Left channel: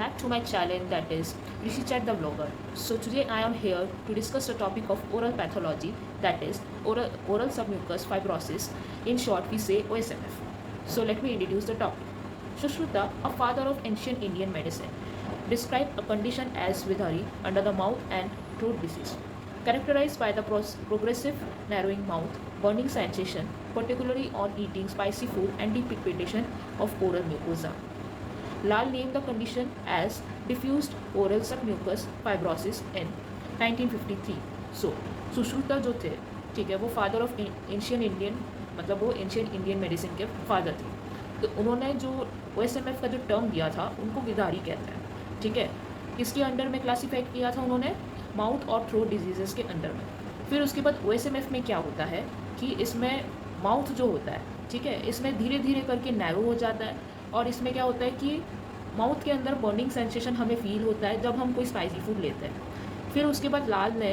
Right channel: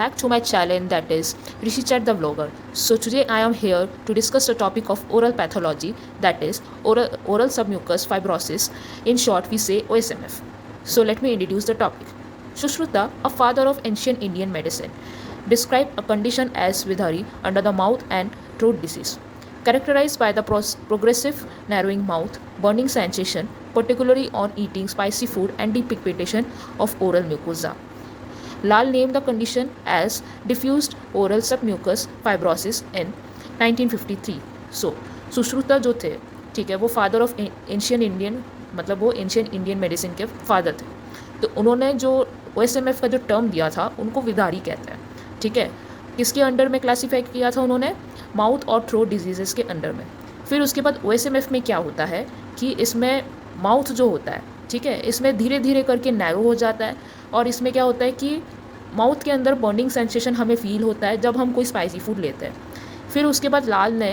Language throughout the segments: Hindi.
back to my channel, that is Rishi Chat the vlogger. So today I am here to discuss the topic of oral pathology, that is oral submucous fibrosis. In short, we say OSMF. So let me introduce the topic. Sushruta, a father of ancient Indian medicine, described a condition as vidhari under the mouth and throat disease, characterized by the progressive narrowing mouth, burning sensation, particularly on eating spicy food, and depigmentation of oral mucosa. Lal named the condition as diffused oral submucous fibrosis in 1953. So, Sushruta जो थे, ठीक है, वो फादर ऑफ एंशियन इंडियन, मतलब वो एंशियन इंडियन मेडिसिन के फादर थे. तो उन्होंने जो OSMF का जो टर्म दिया था, उनको विदारी कहते हैं. ठीक है, किसके अंडर में क्लासीफाई किया था उन्होंने? माउथ और थ्रोट डिजीज़ेस के अंडर में. फिर उसके बाद OSMF में क्या होता है कि इसमें माउथ जो होता है, ठीक है, इसमें धीरे धीरे करके नैरो हो जाता है. और इसमें क्या होता है कि माउथ के अंदर बर्निंग सेंसेशन हमें फील होता है जब हम कोई स्पाइसी फूड लेते हैं. फिर उसके बाद लाल ने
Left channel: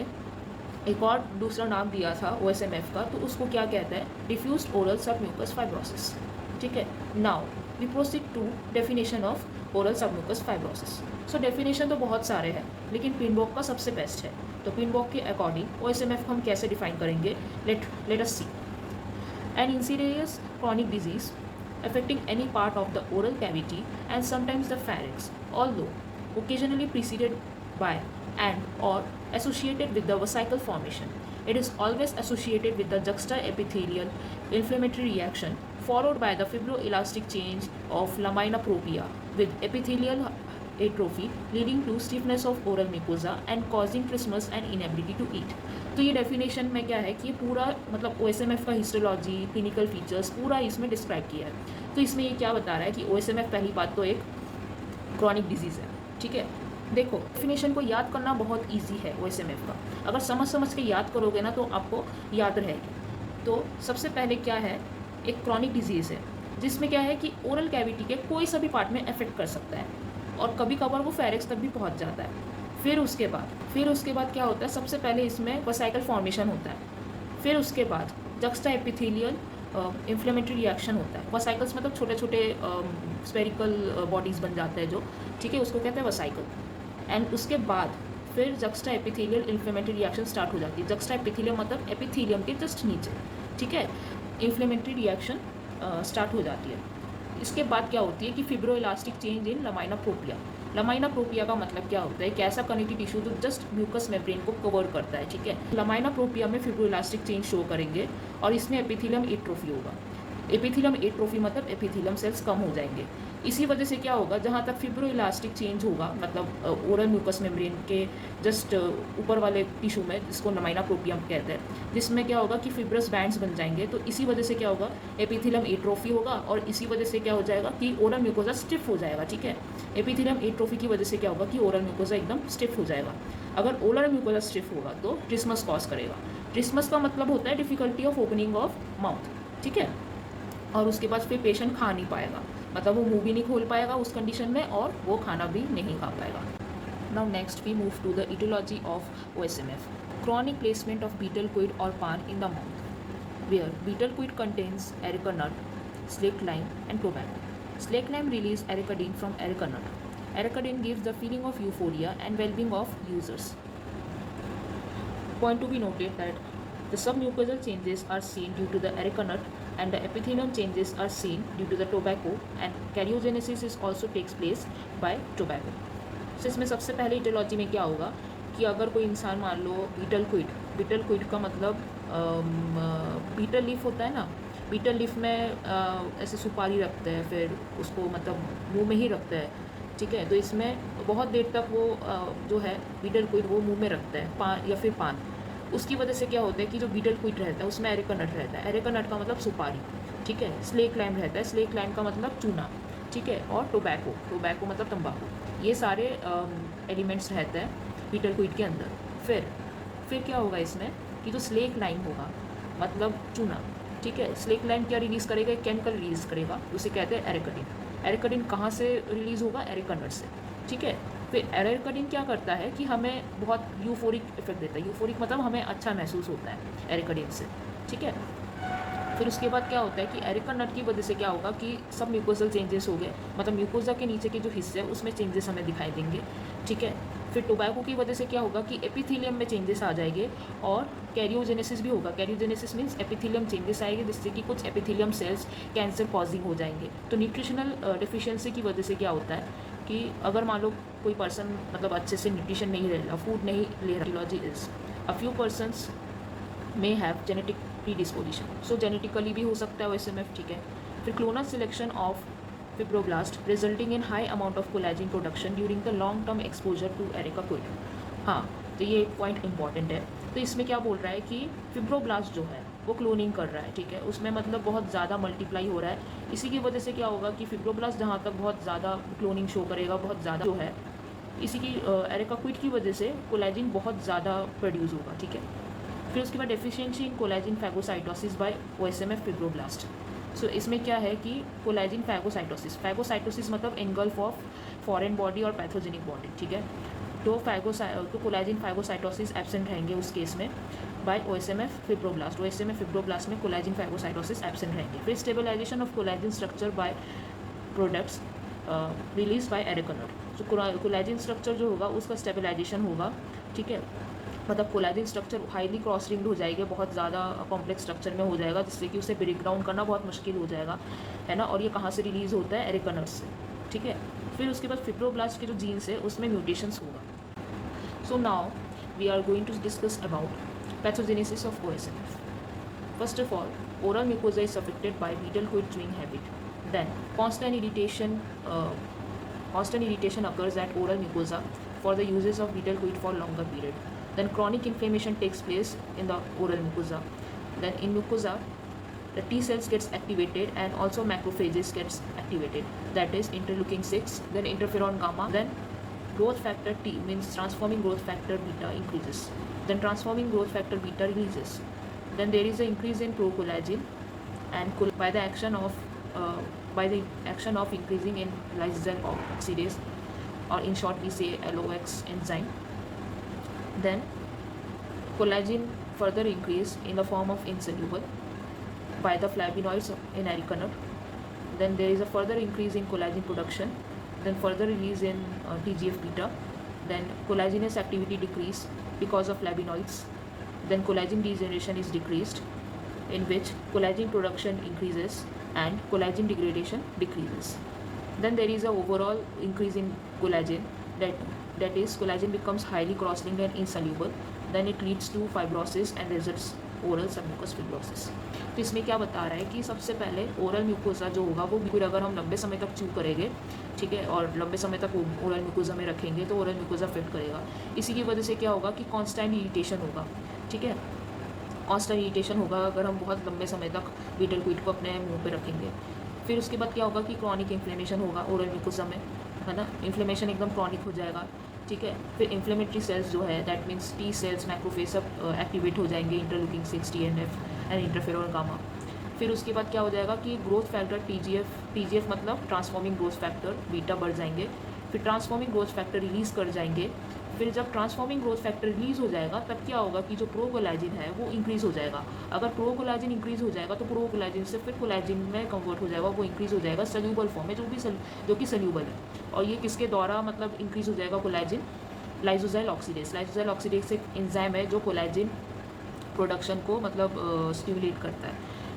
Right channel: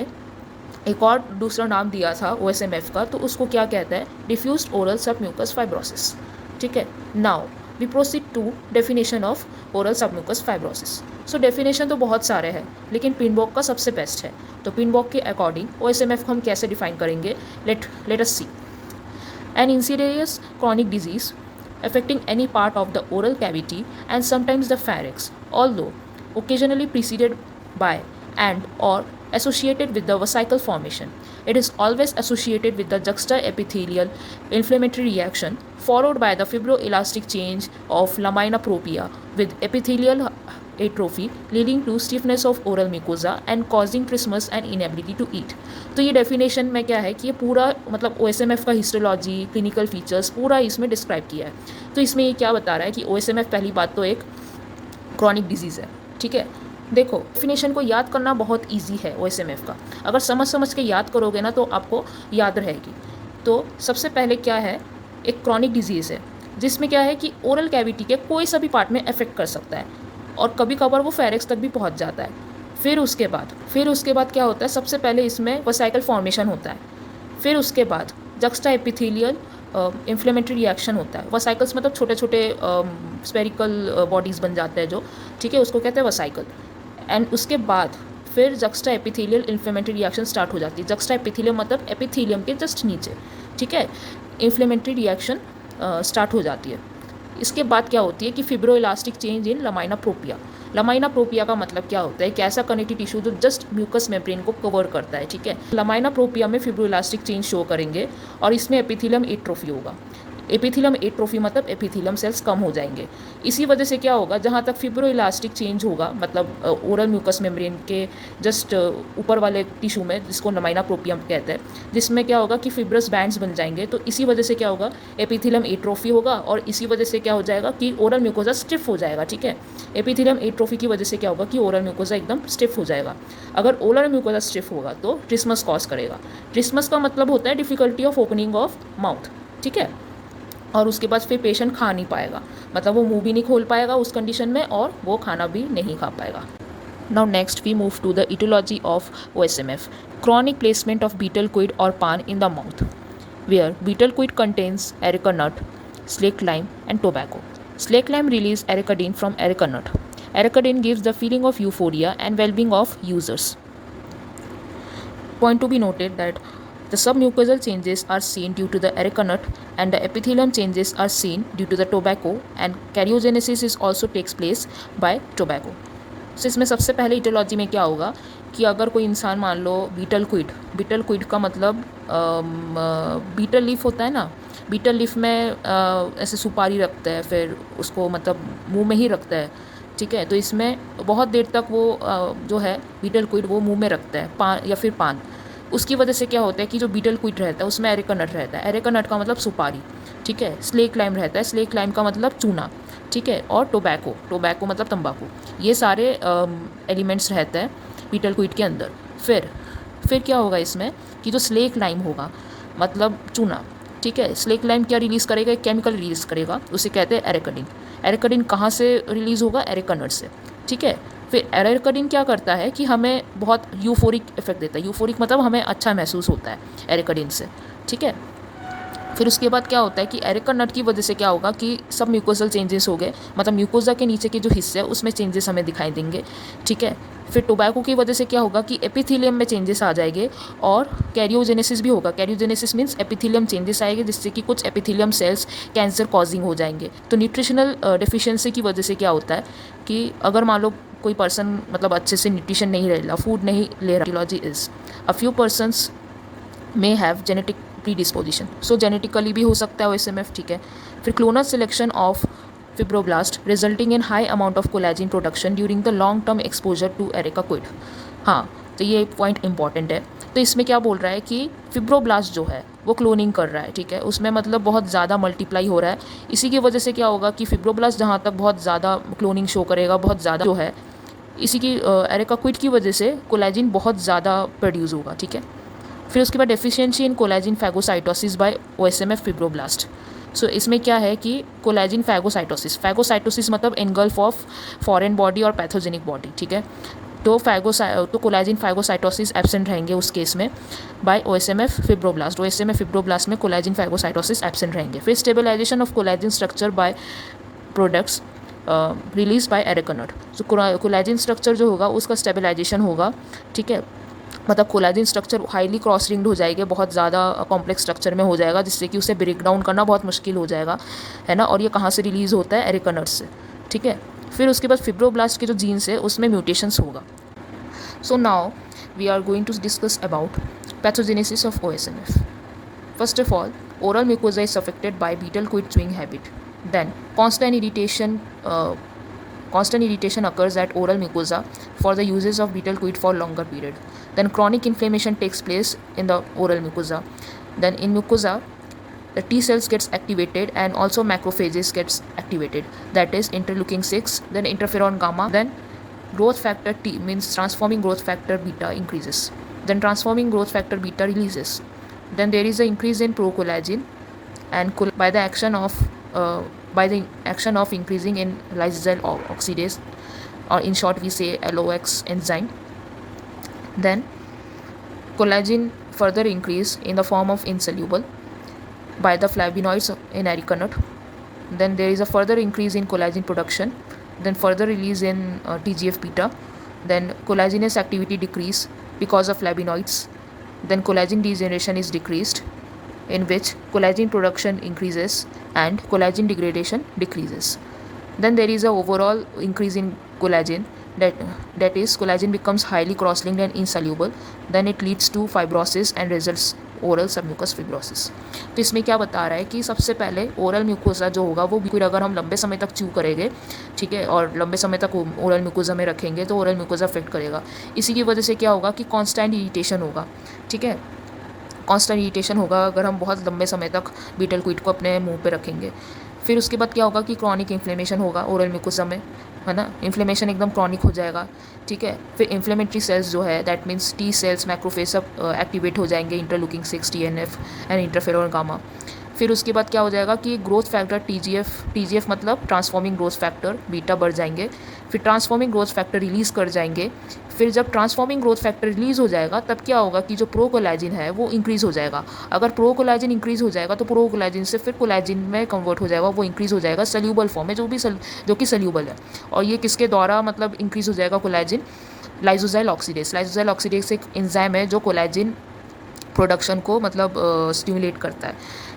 एक और दूसरा नाम दिया था OSMF का, तो उसको क्या कहता है? Diffused oral submucous fibrosis. ठीक है, now we proceed to definition of oral submucous fibrosis. So definition तो बहुत सारे हैं, लेकिन पिनबॉक का सबसे बेस्ट है. तो पिनबॉक के अकॉर्डिंग OSMF हम कैसे डिफाइन करेंगे? Let us see. An insidious chronic disease affecting any part of the oral cavity and sometimes the pharynx, although occasionally preceded by and or associated with the vesicle formation. It is always associated with the juxtaepithelial inflammatory reaction followed by the fibroelastic change of lamina propria with epithelial atrophy leading to stiffness of oral mucosa and causing trismus and inability to eat. तो ये डेफिनेशन में क्या है कि ये पूरा मतलब OSMF का हिस्टोलॉजी, क्लिनिकल फीचर्स पूरा इसमें डिस्क्राइब किया है. तो इसमें ये क्या बता रहा है कि OSMF पहली बात तो एक क्रॉनिक डिजीज़ है. ठीक है, देखो डेफिनेशन को याद करना बहुत इजी है OSMF का. अगर समझ के याद करोगे ना तो आपको याद रहेगी. तो सबसे पहले क्या है, एक क्रॉनिक डिजीज़ है जिसमें क्या है कि ओरल कैविटी के कोई सा भी पार्ट में अफेक्ट कर सकता है और कभी कभार वो फेरिक्स तक भी पहुंच जाता है. फिर उसके बाद क्या होता है? सबसे पहले इसमें वसाइकल फॉर्मेशन होता है. फिर उसके बाद जक्स्टा एपिथेलियल इन्फ्लेमेटरी रिएक्शन होता है. वसाइकल्स मतलब छोटे छोटे स्पेरिकल बॉडीज़ बन जाते हैं जो, ठीक है, उसको कहते हैं वसाइकल. एंड उसके बाद फिर juxta epithelial inflammatory reaction start हो जाती है. जक्स्टा एपिथेलियम मतलब एपिथेलियम के जस्ट नीचे, ठीक है, इन्फ्लेमेटरी रिएक्शन स्टार्ट हो जाती है. इसके बाद क्या होती है कि फिब्रोइलास्टिक चेंज इन लमाइना प्रोपिया. लमाइना प्रोपिया का मतलब क्या होता है? एक ऐसा कनेक्टिव टिश्यू जो जस्ट म्यूकस मेम्ब्रेन को कवर करता है. ठीक है, लमाइना प्रोपिया में फिब्रोइलास्टिक चेंज शो करेंगे और इसमें एपिथेलियम एट्रोफी होगा. एपिथेलियम एट्रोफी मतलब एपिथेलियम सेल्स कम हो जाएंगे. इसी वजह से क्या होगा, जहाँ तक फिब्रोइलास्टिक चेंज होगा मतलब ओरल म्यूकस मेम्ब्रेन के जस्ट ऊपर वाले टिश्यू में, जिसको लमाइना प्रोपियम कहते हैं, जिसमें क्या होगा कि फिब्रस बैंड्स बन जाएंगे. तो इसी वजह से क्या होगा, एपिथेलियम एट्रोफी होगा और इसी वजह से क्या हो जाएगा कि ओरल म्यूकोजा स्टिफ हो जाएगा. ठीक है, एपिथेलियम एट्रोफी की वजह से क्या होगा कि ओरल म्यूकोजा एकदम स्टिफ हो जाएगा. अगर ओरल म्यूकोजा स्टिफ होगा तो ट्रिस्मस कॉज करेगा. ट्रिस्मस का मतलब होता है difficulty of opening of mouth. ठीक है, और उसके बाद फिर पेशेंट खा नहीं पाएगा, मतलब वो मुंह भी नहीं खोल पाएगा उस कंडीशन में और वो खाना भी नहीं खा पाएगा. Now next we move to the aetiology of OSMF. Chronic placement of betel quid और paan in the mouth, where betel quid contains areca nut, slake lime and tobacco. Slake lime release ericadine from erica nut. Ericadine gives the feeling of euphoria and well-being of users. Point to be noted that the submucosal changes are seen due to the erica nut and the epithelium changes are seen due to the tobacco, and karyogenesis is also takes place by tobacco. So इसमें सबसे पहले इटियोलॉजी में क्या होगा कि अगर कोई इंसान मान लो बीटल क्विड का मतलब बीटल लीफ होता है ना, बीटल लीफ में ऐसे सुपारी रखता है, फिर उसको मतलब मुंह में ही रखता है. ठीक है, तो इसमें बहुत देर तक वो जो है बीटल क्विड वो मुंह में रखता है, पान या फिर पान. उसकी वजह से क्या होता है कि जो बीटल क्विड रहता है उसमें एरिका नट रहता है. एरिका नट का मतलब सुपारी. ठीक है, स्लेक लाइम रहता है, स्लेक लाइम का मतलब चूना. ठीक है, और टोबैको मतलब तंबाकू. ये सारे एलिमेंट्स रहते हैं बीटल क्विड के अंदर. फिर क्या होगा इसमें कि जो स्लेक लाइम होगा मतलब चूना, ठीक है, स्लेक लाइम क्या रिलीज़ करेगा? एक केमिकल रिलीज़ करेगा, उसे कहते हैं एरिकाडिन. एरिकाडिन कहाँ से रिलीज़ होगा? एरिका नट से. ठीक है, फिर एरिकाडिन क्या करता है कि हमें बहुत यूफोरिक इफेक्ट देता है. यूफोरिक मतलब हमें अच्छा महसूस होता है एरिकाडिन से. ठीक है, फिर उसके बाद क्या होता है कि एरिका नट की वजह से क्या होगा कि सब म्यूकोजल चेंजेस हो गए, मतलब म्यूकोजा के नीचे के जो हिस्से है उसमें चेंजेस हमें दिखाई देंगे, ठीक है। फिर टोबैको की वजह से क्या होगा कि एपिथेलियम में चेंजेस आ जाएंगे और कैरियोजेनेसिस भी होगा। कैरियोजेनेसिस मीन्स एपिथेलियम चेंजेस आएंगे जिससे कि कुछ एपिथेलियम सेल्स कैंसर कॉजिंग हो जाएंगे। तो न्यूट्रिशनल डिफिशियंसी की वजह से क्या होता है कि अगर मान लो कोई पर्सन मतलब अच्छे से न्यूट्रिशन नहीं ले रहा, फूड नहीं ले रहा, is a few persons may have genetic predisposition, so genetically भी हो सकता है OSMF, ठीक है। फिर clonal selection of fibroblast resulting in high amount of collagen production during the long term exposure to areca quid. हाँ, तो ये एक पॉइंट इंपॉर्टेंट है। तो इसमें क्या बोल रहा है कि फिब्रोब्लास्ट जो है वो क्लोनिंग कर रहा है, ठीक है, उसमें मतलब बहुत ज़्यादा मल्टीप्लाई हो रहा है। इसी की वजह से क्या होगा कि फिब्रोब्लास्ट जहाँ तक बहुत ज़्यादा क्लोनिंग शो करेगा, बहुत ज़्यादा जो है, इसी की एरिका क्विड की वजह से कोलेजिन बहुत ज़्यादा प्रोड्यूस होगा, ठीक है। फिर उसके बाद deficiency in collagen phagocytosis by OSMF fibroblast. So इसमें क्या है कि कोलेजिन फैगोसाइटोसिस मतलब एनगल्फ ऑफ फॉरेन बॉडी और पैथोजेनिक बॉडी, ठीक है। तो कोलेजिन फैगोसाइटोसिस एब्सेंट रहेंगे उस केस में बाय OSMF फिब्रोब्लास्ट में कोलेजिन फैगोसाइटोसिस एब्सेंट रहेंगे। फिर stabilisation of collagen structure by products release by areca nut. तो कोलेजिन स्ट्रक्चर जो होगा उसका स्टेबलाइजेशन होगा, ठीक है, मतलब collagen structure highly cross linked हो जाएगा, बहुत ज़्यादा कॉम्प्लेक्स स्ट्रक्चर में हो जाएगा जिससे कि उसे ब्रेक डाउन करना बहुत मुश्किल हो जाएगा, है ना। और ये कहाँ से रिलीज़ होता है, एरिका नट से, ठीक है। फिर उसके बाद फिब्रोब्लास्ट के जो जीन्स है उसमें म्यूटेशंस होगा। So now we are going to discuss about pathogenesis of OSMF। First of all, oral mucosa is affected by betel quid chewing habit. Then constant irritation occurs at oral mucosa for the uses of betel quid for longer period. Then chronic inflammation takes place in the oral mucosa. Then in mucosa, the T cells gets activated and also macrophages gets activated, that is interleukin 6, then interferon gamma, then growth factor T means transforming growth factor beta increases, then transforming growth factor beta releases. Then there is an increase in procollagen and by the action of increasing in lysozyl oxidase, or in short we say LOX enzyme. Then collagen further increase in the form of insoluble by the flavonoids in areca nut. Then there is a further increase in collagen production, then further release in TGF beta. Then collagenous activity decrease because of flavonoids. Then collagen degeneration is decreased, in which collagen production increases and collagen degradation decreases. Then there is a overall increase in collagen, that is collagen becomes highly cross-linked and insoluble. Then it leads to fibrosis and results oral submucous fibrosis. तो इसमें क्या बता रहा है कि सबसे पहले ओरल म्यूकोसा जो होगा वो फिर अगर हम लंबे समय तक च्यू करेंगे, ठीक है, और लंबे समय तक ओरल म्यूकोसा में रखेंगे तो ओरल म्यूकोसा अफेक्ट करेगा। इसी की वजह से क्या होगा कि कांस्टेंट इरिटेशन होगा, ठीक है, कांस्टेंट इरिटेशन होगा अगर हम बहुत लंबे समय तक बीटल क्विड को अपने मुंह पे रखेंगे। फिर उसके बाद क्या होगा कि क्रॉनिक इन्फ्लेमेशन होगा ओरल म्यूकोसा में, है ना, इन्फ्लेमेशन एकदम क्रॉनिक हो जाएगा, ठीक है। फिर इन्फ्लेमेटरी सेल्स जो है that means T cells macrophage सब एक्टिवेट हो जाएंगे, interleukin 6, TNF and interferon gamma. फिर उसके बाद क्या हो जाएगा कि ग्रोथ फैक्टर TGF मतलब ट्रांसफॉर्मिंग ग्रोथ फैक्टर बीटा बढ़ जाएंगे, फिर ट्रांसफॉर्मिंग ग्रोथ फैक्टर रिलीज़ कर जाएंगे। फिर जब ट्रांसफॉर्मिंग ग्रोथ फैक्टर रिलीज़ हो जाएगा तब क्या होगा कि जो प्रोकोलाजिन है वो इंक्रीज़ हो जाएगा। अगर प्रोकोलाजिन इंक्रीज़ हो जाएगा तो प्रोकोलाजिन से फिर कोलाजिन में कन्वर्ट हो जाएगा, वो इंक्रीज़ हो जाएगा सल्यूबल फॉर्म में, जो कि सल्यूबल है। और ये किसके द्वारा मतलब इंक्रीज़ हो जाएगा कोलाजिन, लाइसोजाइल ऑक्सीडेज एक एंजाइम है जो कोलाजिन प्रोडक्शन को मतलब स्टिमुलेट करता है,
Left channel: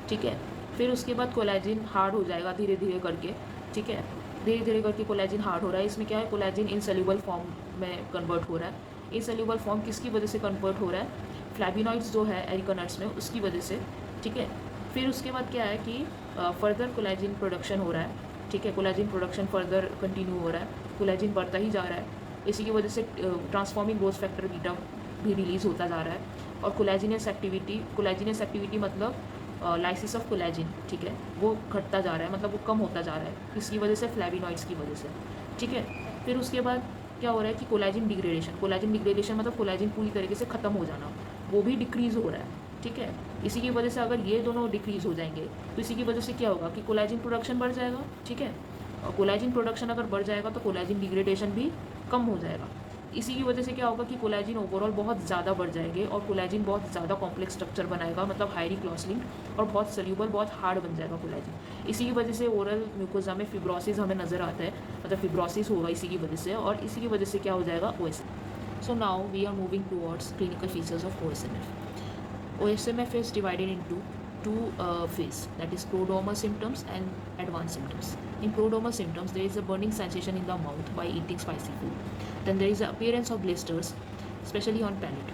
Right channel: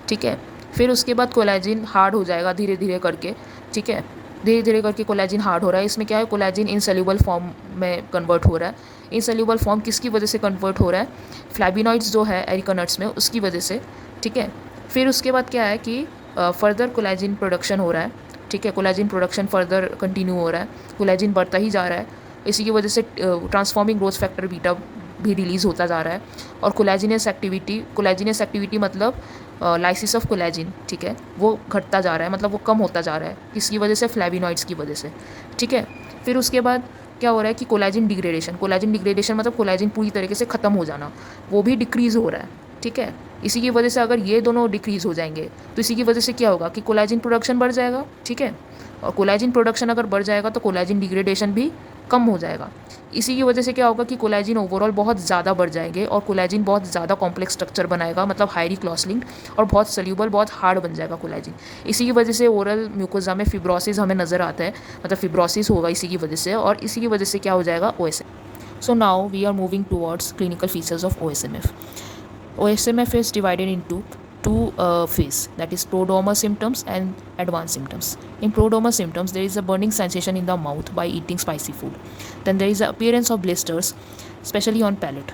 ठीक है। फिर उसके बाद कोलाजिन हार्ड हो जाएगा धीरे धीरे करके, ठीक है, धीरे धीरे करके कोलाजिन हार्ड हो रहा है। इसमें क्या है, कोलाजिन इनसोल्यूबल फॉर्म में कन्वर्ट हो रहा है। इनसोल्यूबल फॉर्म किसकी वजह से कन्वर्ट हो रहा है, फ्लैविनॉइड्स जो है एरिका नट्स में उसकी वजह से, ठीक है। फिर उसके बाद क्या है कि फर्दर कोलाजिन प्रोडक्शन हो रहा है, ठीक है, कोलाजिन प्रोडक्शन फर्दर कंटिन्यू हो रहा है, कोलाजिन बढ़ता ही जा रहा है। इसी की वजह से ट्रांसफॉर्मिंग ग्रोथ फैक्टर बीटा भी रिलीज़ होता जा रहा है। और कोलाजिनस एक्टिविटी मतलब लाइसिस ऑफ कोलाजिन, ठीक है, वो घटता जा रहा है, मतलब वो कम होता जा रहा है, किसकी वजह से, फ्लैविनॉइड्स की वजह से, ठीक है। फिर उसके बाद क्या हो रहा है कि कोलाजिन डिग्रेडेशन मतलब कोलाजिन पूरी तरीके से ख़त्म हो जाना, वो भी डिक्रीज़ हो रहा है, ठीक है। इसी की वजह से अगर ये दोनों डिक्रीज़ हो जाएंगे तो इसी की वजह से क्या होगा कि कोलाजिन प्रोडक्शन बढ़ जाएगा, ठीक है, और कोलाजिन प्रोडक्शन अगर बढ़ जाएगा तो कोलाजिन डिग्रेडेशन भी कम हो जाएगा। इसी की वजह से क्या होगा कि कोलेजिन ओवरऑल बहुत ज़्यादा बढ़ जाएंगे और कोलेजिन बहुत ज़्यादा कॉम्प्लेक्स स्ट्रक्चर बनाएगा, मतलब हाईली क्रॉस लिंक्ड और बहुत सल्यूबल, बहुत हार्ड बन जाएगा कोलेजिन। इसी की वजह से ओरल म्यूकोजा में फिब्रोसिस हमें नज़र आता है, मतलब फिब्रोसिस होगा इसी की वजह से, और इसी की वजह से क्या हो जाएगा OSMF। So now we are moving towards clinical features of OSMF. OSMF is divided into two phases, that is prodromal symptoms and advanced symptoms. In prodromal symptoms, there is a burning sensation in the mouth by eating spicy food. Then there is the appearance of blisters, especially on palate.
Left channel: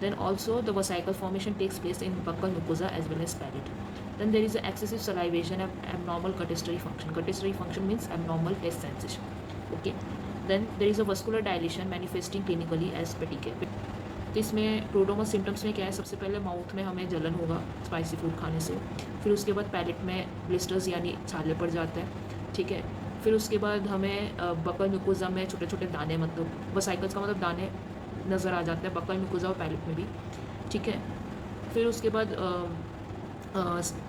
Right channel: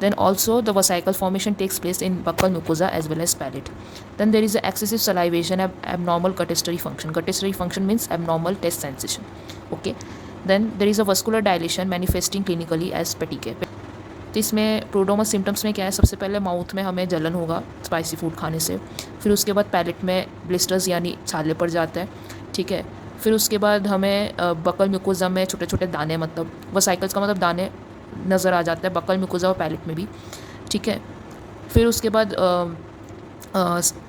Then also the vesicle formation takes place in buccal mucosa as well as palate. Then there is a excessive salivation, abnormal gustatory function. Gustatory function means abnormal taste sensation. Okay. Then there is a vascular dilation manifesting clinically as petechiae. तो इसमें प्रोड्रोमल सिम्टम्स में क्या है, सबसे पहले माउथ में हमें जलन होगा स्पाइसी फूड खाने से, फिर उसके बाद पैलेट में ब्लिस्टर्स यानी छाले पड़ जाते हैं, ठीक है। फिर उसके बाद हमें बकल म्यूकोजा में छोटे छोटे दाने, मतलब वसाइकल्स का मतलब दाने नज़र आ जाते हैं बकल म्यूकोजा और पैलेट में भी, ठीक है। फिर उसके बाद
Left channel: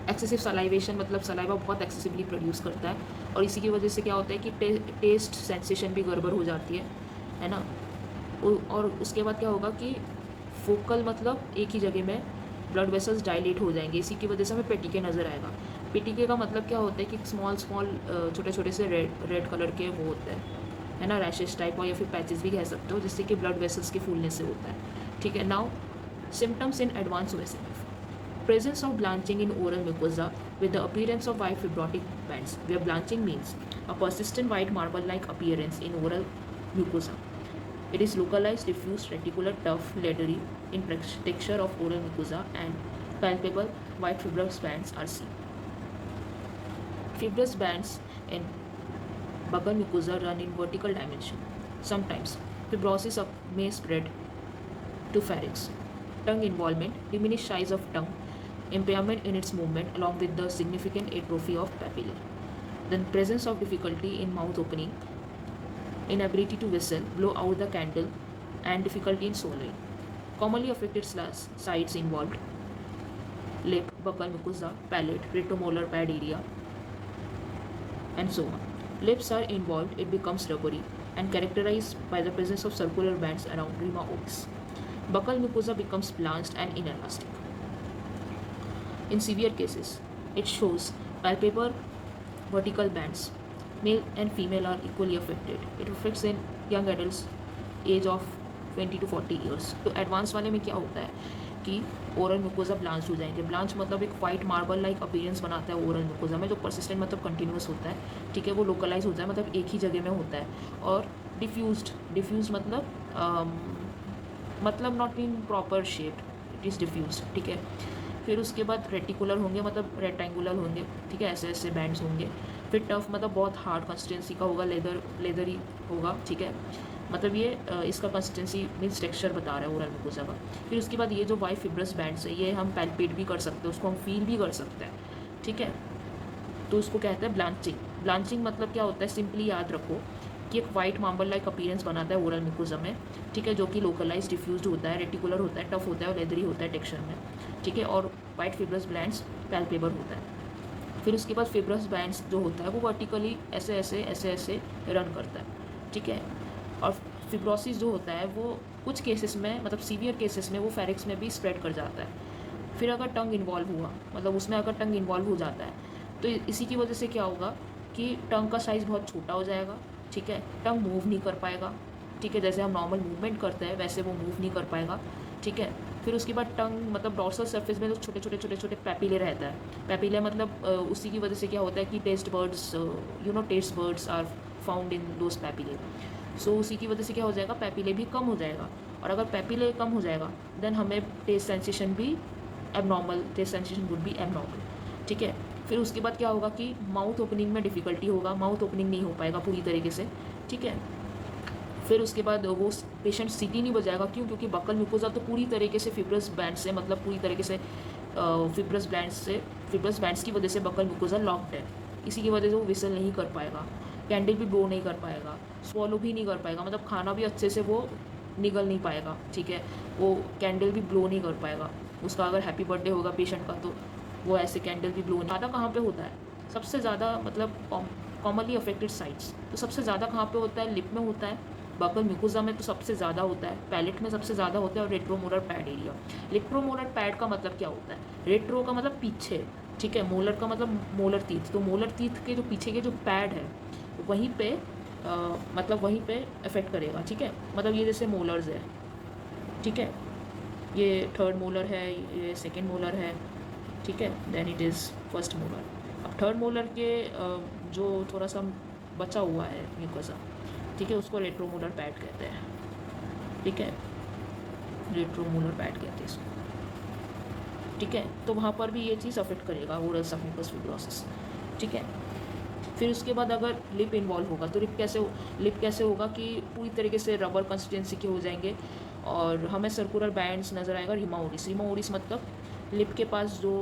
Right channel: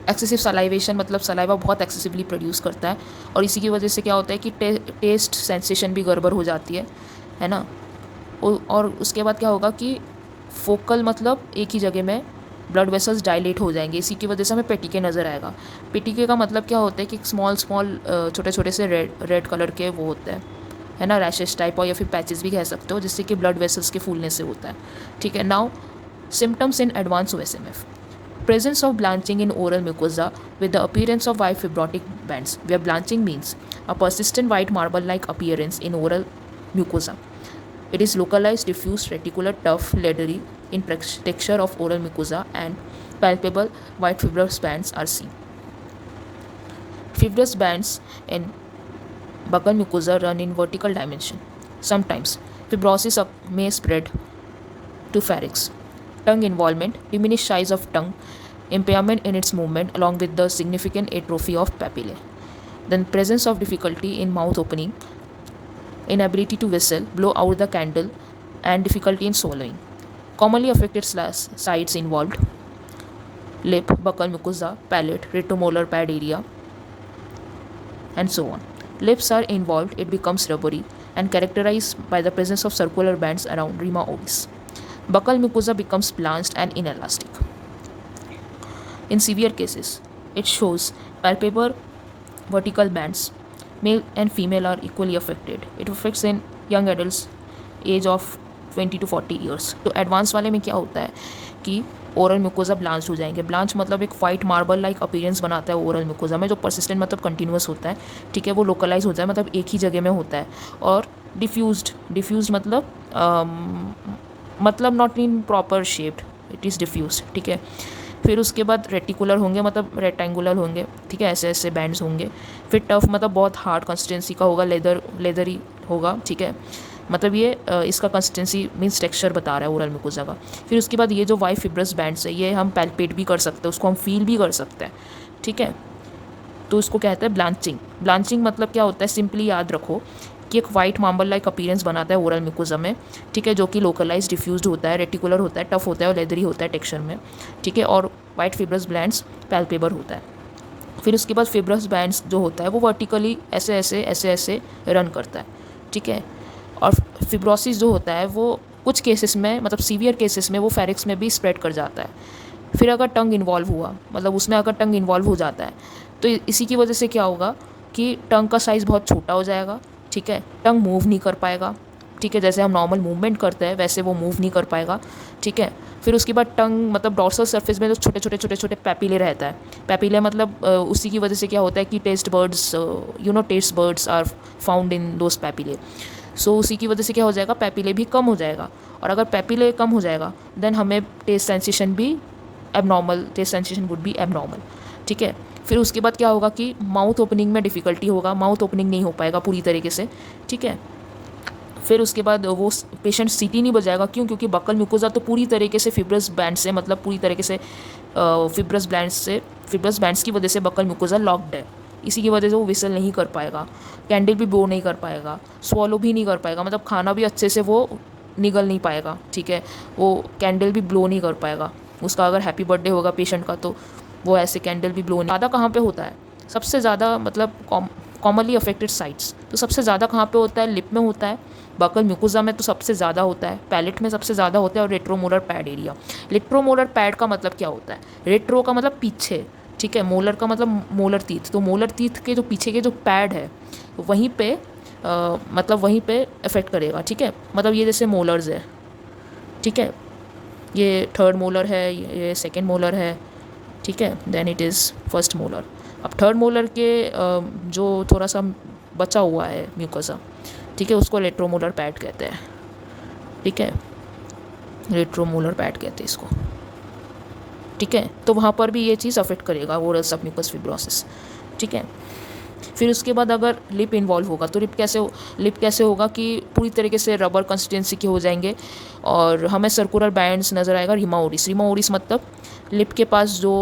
एक्सेसिव सलाइवेशन, मतलब सलाइवा बहुत एक्सेसिवली प्रोड्यूस करता है, और इसी की वजह से क्या होता है कि टेस्ट सेंसेशन भी गड़बड़ हो जाती है ना। और उसके बाद क्या होगा कि फोकल, मतलब एक ही जगह में ब्लड वेसल्स डायलेट हो जाएंगे, इसी की वजह से हमें पेटिके नज़र आएगा। पेटिके का मतलब क्या होता है कि स्मॉल छोटे छोटे से रेड कलर के वो होते हैं, है ना, रैशेस टाइप, और या फिर पैचेस भी कह सकते हो, जिससे कि ब्लड वेसल्स के फूलने से होता है, ठीक है। Now symptoms in advance OSMF. Presence of blanching in oral mucosa with the appearance of white fibrotic bands, where blanching means a persistent white marble-like appearance in oral mucosa. It is localized, diffuse, reticular, tough, leathery in texture of oral mucosa, and palpable white fibrous bands are seen. Fibrous bands in buccal mucosa run in vertical dimension. Sometimes fibrosis may spread to pharynx. Tongue involvement, diminished size of tongue, impairment in its movement along with the significant atrophy of papillae. Then presence of difficulty in mouth opening, inability to whistle, blow out the candle, and difficulty in swallowing. Commonly affected sites involved lip, buccal mucosa, palate, retromolar pad area, and so on. Lips are involved, it becomes rubbery and characterized by the presence of circular bands around rima ovis. Buccal mucosa becomes blanched and inelastic. In severe cases, it shows palpable vertical bands. Male and female are equally affected. It affects in young adults age of 20 to 40 years. तो एडवांस वाले में क्या होता है कि ओरल म्यूकोजा ब्लांच हो जाएंगे। ब्लांच मतलब एक वाइट मार्बल लाइक अपीयरेंस बनाता है ओरल म्यूकोजा में, जो परसिस्टेंट मतलब कंटिन्यूस होता है, ठीक है। वो लोकलाइज होता है, मतलब एक ही जगह में होता है। और डिफ्यूज्ड मतलब not in proper shaped, it is diffuse, ठीक है। फिर उसके बाद रेटिकुलर होंगे, मतलब रेक्टेंगुलर होंगे, ठीक है, ऐसे ऐसे बैंड्स होंगे। फिर टफ मतलब बहुत हार्ड कंसिस्टेंसी का होगा, लेदरी होगा, ठीक है। मतलब ये इसका कंसिस्टेंसी मीन्स टेक्सचर बता रहा है ओरल म्यूकोजा का। फिर उसके बाद ये जो वाइट फिब्रस बैंड्स है, ये हम पैल्पेट भी कर सकते हैं, उसको हम फील भी कर सकते हैं, ठीक है। तो उसको कहते हैं ब्लांचिंग। ब्लांचिंग मतलब क्या होता है, सिंपली याद रखो कि एक वाइट मार्बल लाइक अपीयरेंस बनाता है ओरल म्यूकोजा में, ठीक है, जो कि लोकलाइज डिफ्यूज्ड होता है, रेटिकुलर होता है, टफ होता है और लेदरी होता है टेक्सचर में, ठीक है। और वाइट फिब्रस बैंड्स पैल्पेबल होता है। फिर उसके बाद फिब्रस बैंड्स जो होता है वो वर्टिकली ऐसे ऐसे रन करता है, ठीक है। और फिब्रोसिस जो होता है वो कुछ केसेस में, मतलब सीवियर केसेस में, वो फेरिक्स में भी स्प्रेड कर जाता है। फिर अगर टंग इन्वॉल्व हुआ, मतलब उसमें अगर टंग इन्वॉल्व हो जाता है, तो इसी की वजह से क्या होगा कि टंग का साइज़ बहुत छोटा हो जाएगा, ठीक है। टंग मूव नहीं कर पाएगा, ठीक है, जैसे हम नॉर्मल मूवमेंट करते हैं वैसे वो मूव नहीं कर पाएगा, ठीक है। फिर उसके बाद टंग मतलब डॉर्सल सरफेस में जो छोटे छोटे पैपिले रहता है, पैपिले मतलब उसी की वजह से क्या होता है कि taste buds are found in those papillae. So उसी की वजह से क्या हो जाएगा, पैपिले भी कम हो जाएगा। और अगर पैपिले कम हो जाएगा देन हमें test sensation would be abnormal, ठीक है। फिर उसके बाद क्या होगा कि माउथ ओपनिंग में डिफ़िकल्टी होगा, माउथ ओपनिंग नहीं हो पाएगा पूरी तरीके से, ठीक है। फिर उसके बाद वो पेशेंट सीटी नहीं बजाएगा, क्योंकि बक्कल म्यूकोजा तो पूरी तरीके से फिब्रस बैंड से, मतलब पूरी तरीके से फिब्रस बैंड्स की वजह से बक्कल म्यूकोजा लॉक्ड है। इसी की वजह से वो विसल नहीं कर पाएगा, कैंडल भी ब्लो नहीं कर पाएगा, स्वॉलो भी नहीं कर पाएगा, मतलब खाना भी अच्छे से वो निगल नहीं पाएगा, ठीक है। वो कैंडल भी ब्लो नहीं कर पाएगा। उसका अगर हैप्पी बर्थडे होगा पेशेंट का तो वो ऐसे कैंडल भी ब्लो नहीं। ज़्यादा कहाँ पे होता है, सबसे ज़्यादा मतलब कॉमनली अफेक्टेड साइट्स, तो सबसे ज़्यादा कहाँ पे होता है? लिप में होता है, बकल म्यूकोजा में तो सबसे ज़्यादा होता है, पैलेट में सबसे ज़्यादा होता है, और रेट्रोमोलर पैड एरिया। रेट्रोमोलर पैड का मतलब क्या होता है? रेट्रो का मतलब पीछे, ठीक है, मोलर का मतलब मोलर टीथ, तो मोलर टीथ के जो पीछे के जो पैड है वहीं पे मतलब वहीं पे अफेक्ट करेगा, ठीक है। मतलब ये जैसे मोलर्स है, ठीक है, ये थर्ड मोलर है, ये सेकेंड मोलर है, ठीक है, then it is first molar. अब थर्ड मोलर के जो थोड़ा सा बचा हुआ है म्यूकोसा, ठीक है, उसको रेट्रोमोलर पैड कहते हैं, ठीक है, रेट्रोमोलर पैड कहते हैं इसको, ठीक है। तो वहाँ पर भी ये चीज़ अफेक्ट करेगा ओरल सबम्यूकस फिब्रोसिस, ठीक है। फिर उसके बाद अगर लिप इन्वॉल्व होगा तो लिप कैसे होगा कि पूरी तरीके से रबर कंसिस्टेंसी के हो जाएंगे और हमें सर्कुलर बैंड्स नज़र आएगा। रीमा ओरिस मतलब लिप के पास जो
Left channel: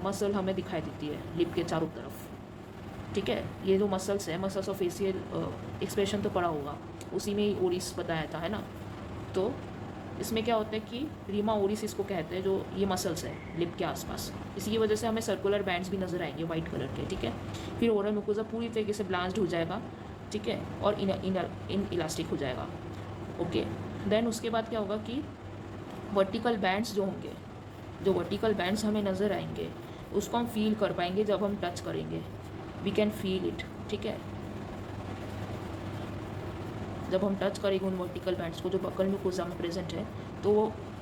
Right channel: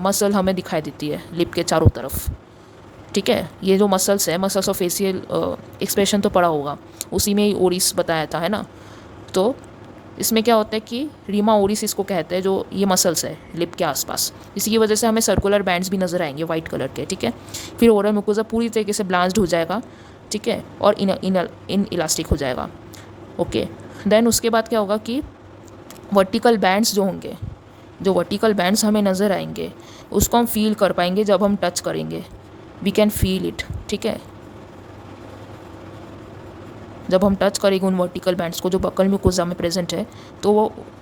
मसल हमें दिखाई देती है लिप के चारों तरफ, ठीक है, ये जो मसल्स है, मसल्स ऑफ फेशियल एक्सप्रेशन तो पड़ा होगा, उसी में ही ओरिस बताया था, है ना। तो इसमें क्या होता है कि रीमा ओरिस इसको कहते हैं, जो ये मसल्स है लिप के आसपास, इसी की वजह से हमें सर्कुलर बैंड्स भी नज़र आएंगे वाइट कलर के, ठीक है। फिर ओरल म्यूकोसा पूरी तरीके से ब्लांच्ड हो जाएगा, ठीक है, और इन इलास्टिक हो जाएगा, ओके। देन उसके बाद क्या होगा कि वर्टिकल बैंड्स जो होंगे, जो वर्टिकल बैंड्स हमें नज़र आएंगे उसको हम फील कर पाएंगे जब हम टच करेंगे, वी कैन फील इट, ठीक है। जब हम टच करेंगे उन वर्टिकल बैंड्स को जो बकल म्यूकोसा में प्रेजेंट है, तो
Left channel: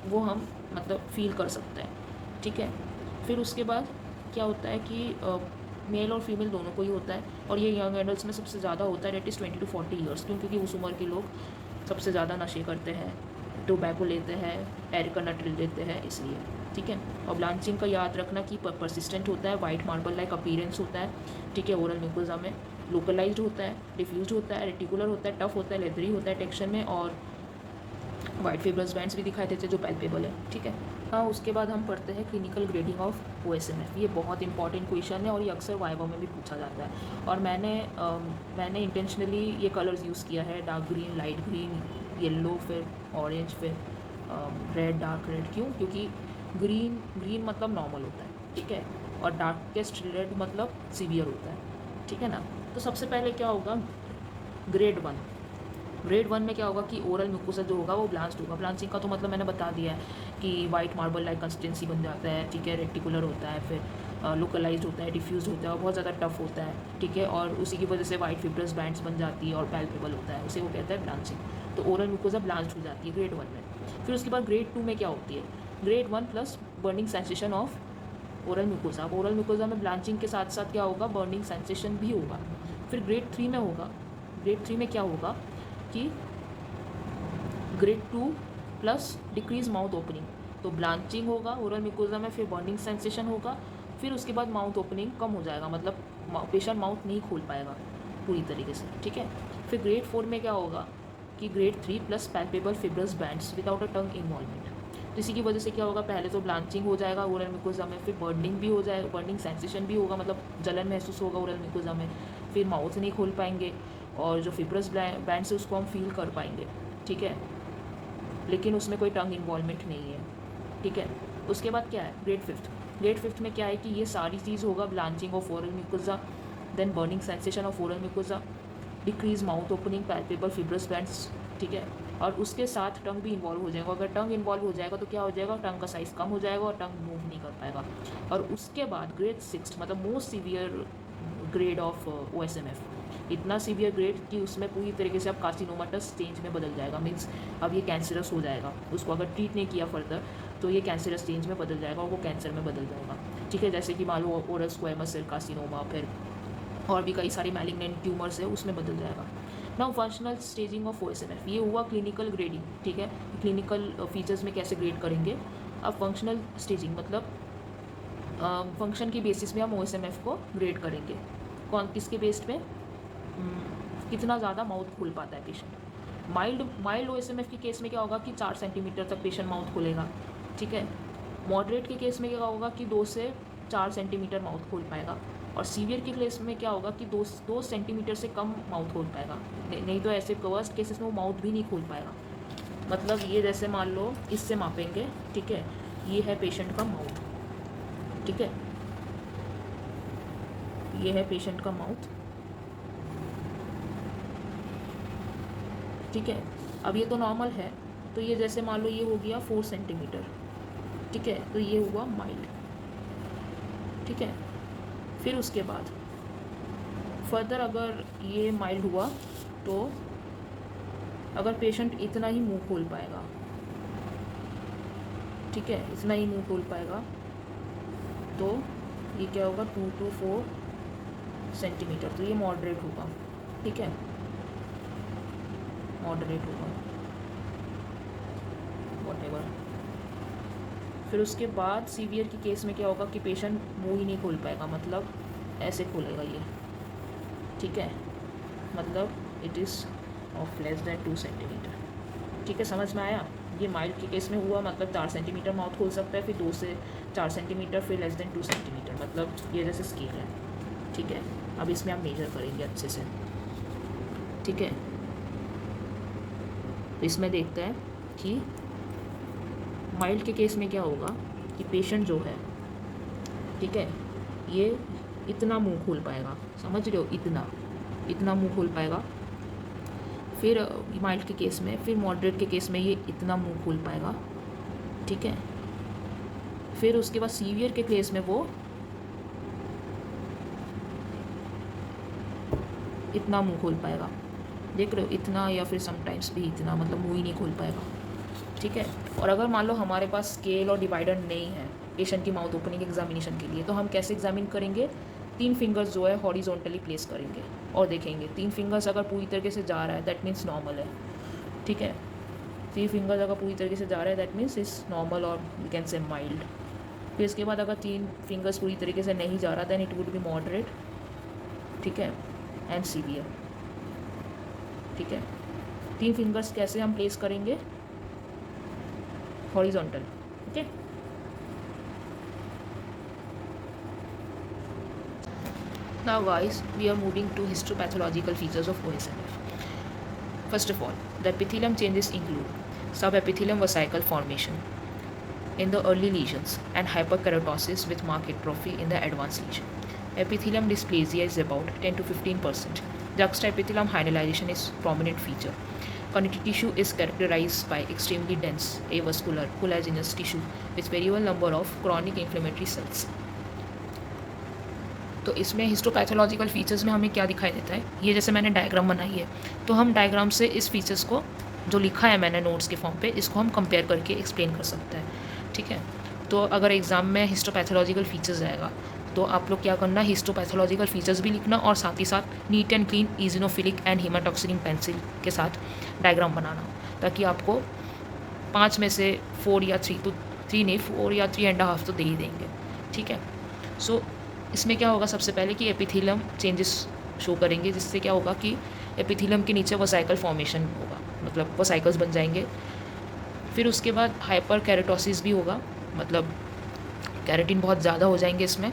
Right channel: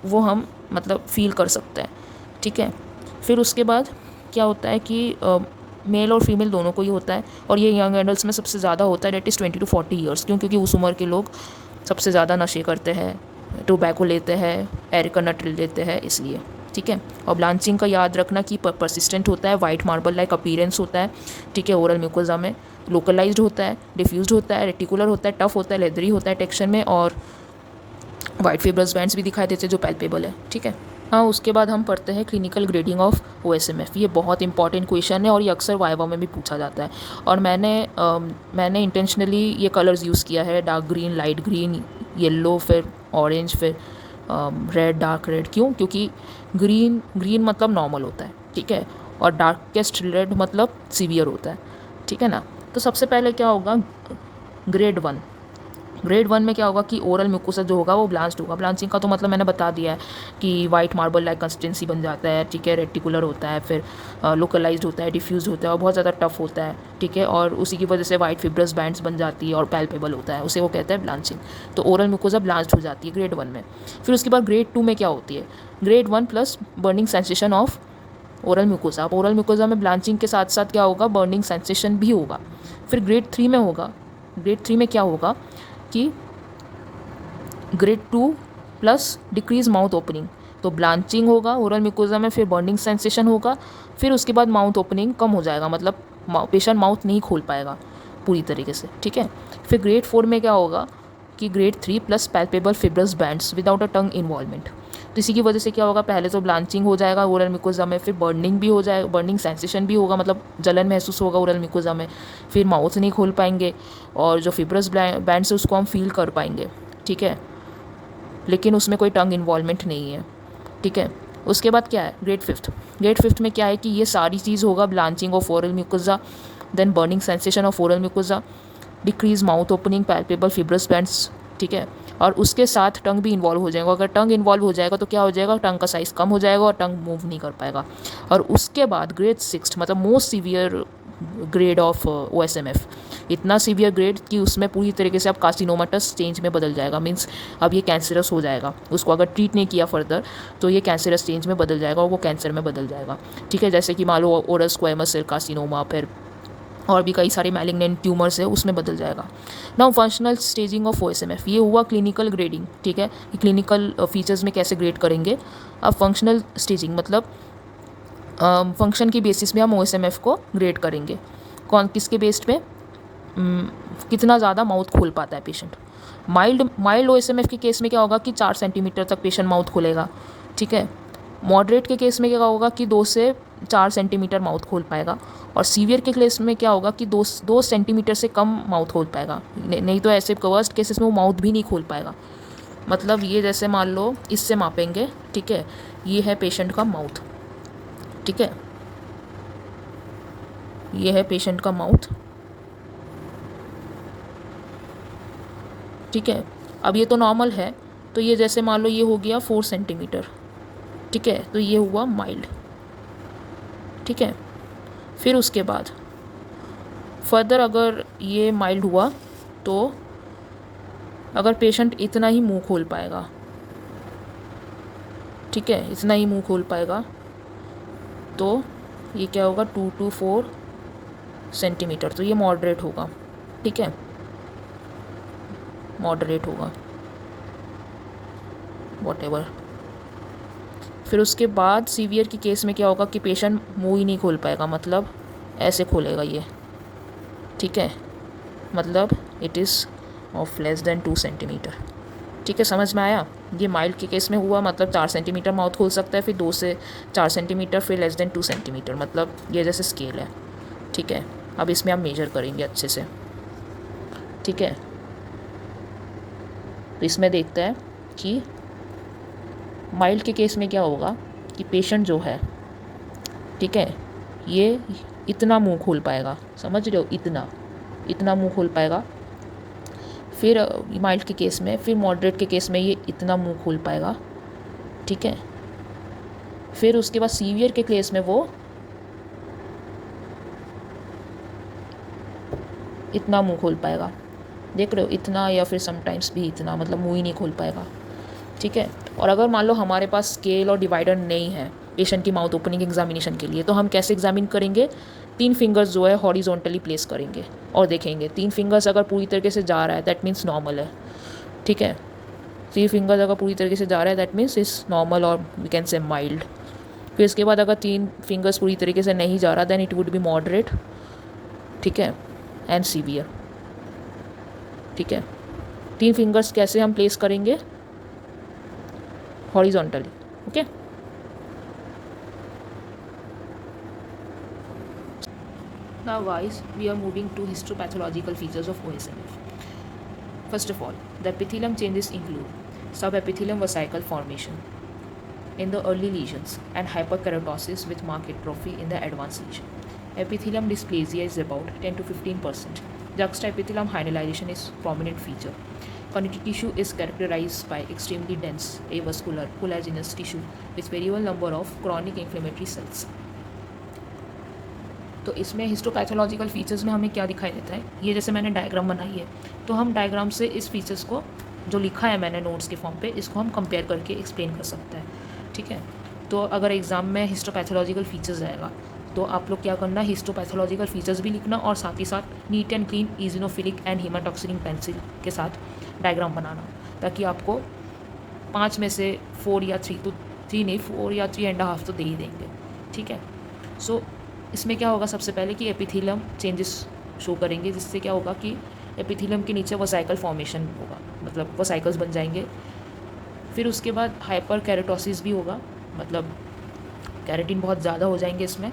वो हम मतलब फील कर सकते हैं, ठीक है। फिर उसके बाद क्या होता है कि मेल और फीमेल दोनों को ही होता है, और ये यंग एडल्ट्स में सबसे ज़्यादा होता है, डेट इज़ 20 to 40 ईयर्स, क्योंकि उस उम्र के लोग सबसे ज़्यादा नशे करते हैं, टोबैको लेते हैं, एरिका नट लेते हैं, इसलिए, ठीक है। और ब्लांचिंग का याद रखना कि परसिस्टेंट होता है, वाइट मार्बल लाइक अपीयरेंस होता है, ठीक है, ओरल म्यूकोसा में लोकलाइज्ड होता है, डिफ्यूज्ड होता है, रेटिकुलर होता है, टफ होता है, लेदरी होता है टेक्सचर में, और वाइट फिब्रस बैंड्स भी दिखाई देते हैं जो पैल्पेबल है, ठीक है। हाँ, उसके बाद हम पढ़ते हैं क्लिनिकल ग्रेडिंग ऑफ OSMF। ये बहुत इंपॉर्टेंट क्वेश्चन है और ये अक्सर वाइवा में भी पूछा जाता है, और मैंने इंटेंशनली ये कलर्स यूज़ किया है, dark green, light green, yellow, फिर ऑरेंज, फिर रेड, डार्क रेड। क्यों? क्योंकि ग्रीन मतलब नॉर्मल होता है, ठीक है, और डार्केस्ट रेड मतलब सीवियर होता है, ठीक है ना। तो सबसे पहले क्या होगा, ग्रेड 1 में क्या होगा कि ओरल म्यूकोसा जो होगा वो ब्लांच्ड होगा। ब्लांचिंग का तो मतलब मैंने बता दिया है कि वाइट मार्बल लाइक कंसिस्टेंसी बन जाता है, ठीक है, रेटिकुलर होता है, फिर लोकलाइज्ड होता है, डिफ्यूज होता है, और बहुत ज़्यादा टफ होता है, ठीक है, और उसी की वजह से वाइट फिब्रस बैंड्स बन जाती है और पैल्पेबल होता है, उसे वो कहते हैं ब्लांचिंग। तो ओरल म्यूकोसा ब्लांच्ड हो जाती है ग्रेड 1 में। फिर उसके बाद ग्रेड 2 में क्या होती है, grade 1 plus burning sensation of oral mucosa. अब ओरल म्यूकोसा में ब्लांचिंग के साथ साथ क्या होगा, बर्निंग सेंसेशन भी होगा। फिर ग्रेड 3 में होगा, ग्रेड 3 में क्या होगा कि grade 2 plus decrease mouth opening, तो ब्लांचिंग होगा ओरल म्यूकोसा में, फिर बर्निंग सेंसेशन होगा, फिर उसके बाद माउथ ओपनिंग कम हो जाएगा, मतलब पेशेंट माउथ नहीं खोल पाएगा पूरी तरीके से, ठीक है। फिर ग्रेड 4 में क्या होगा कि grade 3 plus palpable fibrous bands without a tongue involvement. तो इसी की वजह से क्या होगा, पहले तो ब्लांचिंग हो जाएगा ओरल म्यूकोसा में, फिर बर्निंग भी हो जाएगा, बर्निंग सेंसेशन भी होगा, मतलब जलन महसूस होगा ओरल म्यूकोसा में, फिर माउथ नहीं खोल पाएंगे, और जो फिब्रस बैंड्स है उसको हम फील कर पाएंगे, ठीक है, लेकिन उसमें कोई टंग इन्वॉल्वमेंट नहीं है, ठीक है। उसके बाद क्या है, ग्रेड 5 में क्या है कि ये सारी चीज़ होगा, blanching of oral mucosa, then burning sensation of oral mucosa, decrease mouth opening, palpable fibrous bands, ठीक है, और उसके साथ टंग भी इन्वॉल्व हो जाएगा। अगर टंग इन्वॉल्व हो जाएगा तो क्या हो जाएगा, टंग का साइज़ कम हो जाएगा और टंग मूव नहीं कर पाएगा। और उसके बाद ग्रेड 6 मतलब most severe grade of OSMF, इतना सीवियर ग्रेड कि उसमें पूरी तरीके से अब कार्सिनोमाटस स्टेज में बदल जाएगा, मीन्स अब ये कैंसरस हो जाएगा, उसको अगर ट्रीट नहीं किया फर्दर तो ये कैंसरस स्टेज में बदल जाएगा और वो कैंसर में बदल जाएगा, ठीक है, जैसे कि मान लो ओरल स्क्वैमस सेल कार्सिनोमा, फिर और भी कई सारे मैलिग्नेंट ट्यूमर्स है, उसमें बदल जाएगा। Now functional staging of OSMF, ये हुआ क्लिनिकल ग्रेडिंग, ठीक है, क्लिनिकल फीचर्स में कैसे ग्रेड करेंगे। अब फंक्शनल स्टेजिंग मतलब फंक्शन की बेसिस में हम OSMF को ग्रेड करेंगे, किसके बेस्ड पे, कितना ज़्यादा माउथ खोल पाता है पेशेंट। माइल्ड OSMF के केस में क्या होगा कि 4 सेंटीमीटर तक पेशेंट माउथ खोलेगा, ठीक है। मॉडरेट के केस में क्या होगा कि 2 से 4 सेंटीमीटर माउथ खोल पाएगा, और सीवियर के केस में क्या होगा कि 2 सेंटीमीटर से कम माउथ खोल पाएगा, नहीं तो ऐसे वर्स्ट केसेस में वो माउथ भी नहीं खोल पाएगा। मतलब ये जैसे मान लो इससे मापेंगे, ठीक है, ये है पेशेंट का माउथ, ठीक है, ये है पेशेंट का माउथ, ठीक है। अब ये तो नॉर्मल है, तो ये जैसे मान लो ये हो गया 4 सेंटीमीटर, ठीक है, तो ये हुआ माइल्ड, ठीक है। फिर उसके बाद फर्दर अगर ये माइल्ड हुआ तो अगर पेशेंट इतना ही मुंह खोल पाएगा, ठीक है, इतना ही मुंह खोल पाएगा, तो ये क्या होगा 2 to 4 सेंटीमीटर, तो ये मॉडरेट होगा, ठीक है, मॉडरेट होगा वॉटेवर। फिर उसके बाद सीवियर की केस में क्या होगा कि पेशेंट मुंह ही नहीं खोल पाएगा, मतलब ऐसे खोलेगा ये, ठीक है, मतलब it is of less than 2 centimetre, ठीक है, समझ में आया। ये माइल्ड के केस में हुआ, मतलब 4 सेंटीमीटर माउथ खोल सकता है, फिर 2 से 4 सेंटीमीटर, फिर लेस देन 2 सेंटीमीटर, मतलब ये जैसे स्केल है, ठीक है। अब इसमें आप मेजर करेंगे अच्छे से, ठीक है। तो इसमें देखते हैं कि माइल्ड के केस में क्या होगा कि पेशेंट जो है, ठीक है, ये इतना मुंह खोल पाएगा, समझ रहे हो, इतना मुंह खोल पाएगा। फिर माइल्ड के केस में, फिर मॉडरेट के केस में ये इतना मुंह खोल पाएगा, ठीक है। फिर उसके बाद सीवियर के केस में वो इतना मुंह खोल पाएगा, देख रहे हो, इतना, या फिर समटाइम्स भी इतना, मतलब मुंह ही नहीं खोल पाएगा, ठीक है। और अगर मान लो हमारे पास स्केल और डिवाइडर नहीं है पेशेंट की माउथ ओपनिंग एग्जामिनेशन के लिए, तो हम कैसे एग्जामिन करेंगे, 3 फिंगर्स जो है हॉरिजॉन्टली प्लेस करेंगे और देखेंगे 3 फिंगर्स अगर पूरी तरीके से जा रहा है दैट मीन्स नॉर्मल है, ठीक है। 3 फिंगर्स अगर पूरी तरीके से जा रहा है दैट मीन्स इज नॉर्मल और वी कैन से माइल्ड। फिर इसके बाद अगर 3 फिंगर्स पूरी तरीके से नहीं जा रहा then it would be moderate, ठीक है, एंड सीवियर, ठीक है। 3 फिंगर्स कैसे हम प्लेस करेंगे, horizontally, okay. Now guys, we are moving to histopathological features of OSMF. First of all, the epithelium changes include subepithelium vesicle formation in the early lesions and hyperkeratosis with marked atrophy in the advanced lesion. Epithelium dysplasia is about 10 to 15%. Juxtaepithelium hyalinization is prominent feature. Connective tissue is characterized by extremely dense avascular collagenous tissue with variable number of chronic inflammatory cells. तो इसमें हिस्टोपैथोलॉजिकल फीचर्स में हमें क्या दिखाई देता है, ये जैसे मैंने डायग्राम बनाई है, तो हम डायग्राम से इस फीचर्स को जो लिखा है मैंने नोट्स के फॉर्म पे, इसको हम कंपेयर करके एक्सप्लेन कर सकते हैं, ठीक है। तो अगर एग्ज़ाम में हिस्टोपैथोलॉजिकल फीचर्स आएगा तो आप लोग क्या करना, हिस्टोपैथोलॉजिकल फीचर्स भी लिखना और साथ ही साथ neat and clean eosinophilic and haematoxylin pencil के साथ डायग्राम बनाना, ताकि आपको 5 में से 4 या 3, तो 3 नहीं 4 या 3.5 तो दे ही देंगे, ठीक है। सो इसमें क्या होगा, सबसे पहले कि एपिथेलियम चेंजेस शो करेंगे, जिससे क्या होगा कि एपिथेलियम के नीचे वसाइकल फॉर्मेशन होगा, मतलब वसाइकल्स बन जाएंगे। फिर उसके बाद हाइपर कैरेटोसिस भी होगा, मतलब कैरेटिन बहुत ज़्यादा हो जाएंगे इसमें,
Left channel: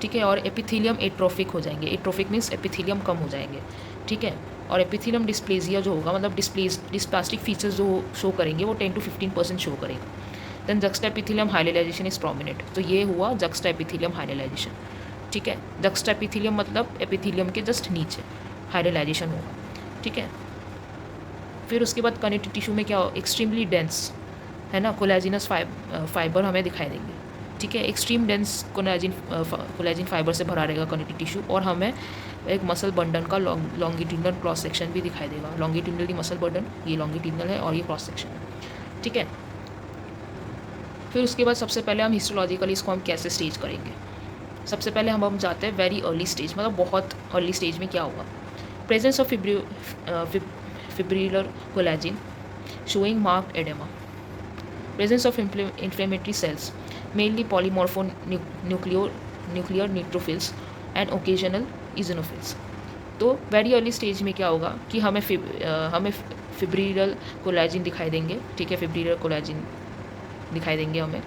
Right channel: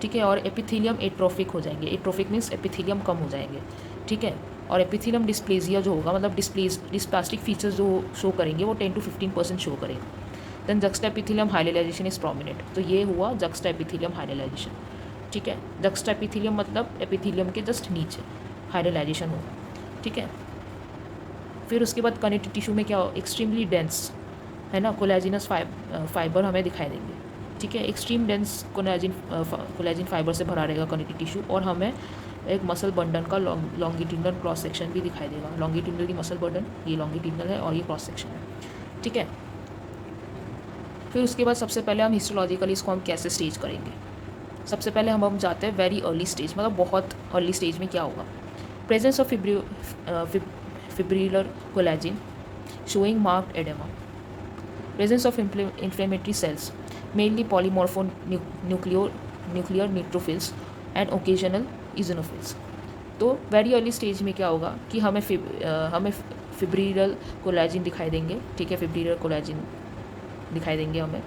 ठीक है। और एपिथेलियम एट्रोफिक हो जाएंगे, एट्रोफिक मीन्स एपिथेलियम कम हो जाएंगे, ठीक है। और एपिथेलियम डिस्प्लेजिया जो होगा, मतलब डिस्प्लास्टिक फीचर्स जो शो करेंगे वो 10 to 15% शो करेंगे। देन जक्स्टाएपिथेलियम हाइलाइजेशन इज प्रोमिनेंट, तो ये हुआ जक्स्टाएपिथेलियम हाइलाइजेशन, ठीक है। जक्स्टाएपिथेलियम मतलब एपिथेलियम के जस्ट नीचे हाइलाइजेशन होगा, ठीक है। फिर उसके बाद कनेक्टिव टिश्यू में क्या हो, एक्सट्रीमली डेंस है ना, कोलेजिनस फाइबर हमें दिखाई देंगे, ठीक है। एक्सट्रीम डेंस कोलेजिन फाइबर से भरा रहेगा कनेक्टिव टिश्यू, और हमें एक मसल बंडन का लॉन्गिट्यूडनल क्रॉस सेक्शन भी दिखाई देगा। लॉन्गिट्यूडनली मसल बंडन, ये लॉन्गिट्यूडनल है और ये क्रॉस सेक्शन है, ठीक है। फिर उसके बाद सबसे पहले हम हिस्टोलॉजिकली इसको हम कैसे स्टेज करेंगे, सबसे पहले हम जाते हैं वेरी अर्ली स्टेज, मतलब बहुत अर्ली स्टेज में क्या होगा, presence of fibrillar collagen showing marked oedema, presence of inflammatory cells mainly nuclear neutrophils and occasional eosinophils। तो वेरी अर्ली स्टेज में क्या होगा कि हमें फिब्रिलर कोलेजिन दिखाई देंगे, ठीक है, फिब्रिलर कोलेजिन दिखाई देंगे हमें,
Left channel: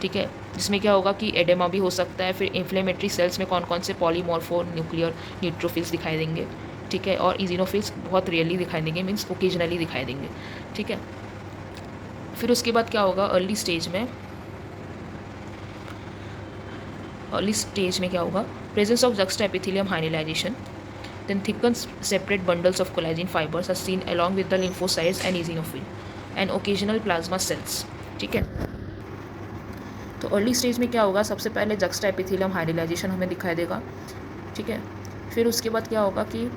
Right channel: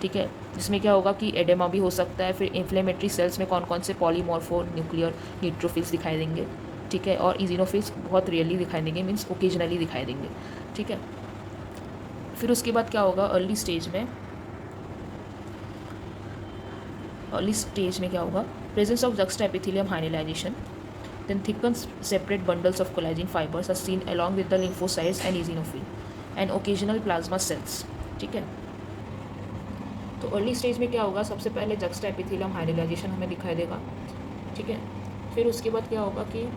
ठीक है, जिसमें क्या होगा कि एडेमा भी हो सकता है। फिर इन्फ्लेमेटरी सेल्स में कौन कौन से पॉलीमॉर्फो न्यूक्लियर न्यूट्रोफिल्स दिखाई देंगे, ठीक है, और इजिनोफिल्स बहुत रियरली दिखाई देंगे, मीन्स ओकेजनली दिखाई देंगे, ठीक है। फिर उसके बाद क्या होगा, अर्ली स्टेज में क्या होगा, presence of juxtaepithelial hyalinisation, Then thickened separate bundles of collagen fibers are seen along with the lymphocytes and eosinophil and occasional plasma cells. ठीक है, तो अर्ली स्टेज में क्या होगा, सबसे पहले जक्स्टा एपिथेलियम हाइड्रोलाइजेशन हमें दिखाई देगा. ठीक है, फिर उसके बाद क्या होगा कि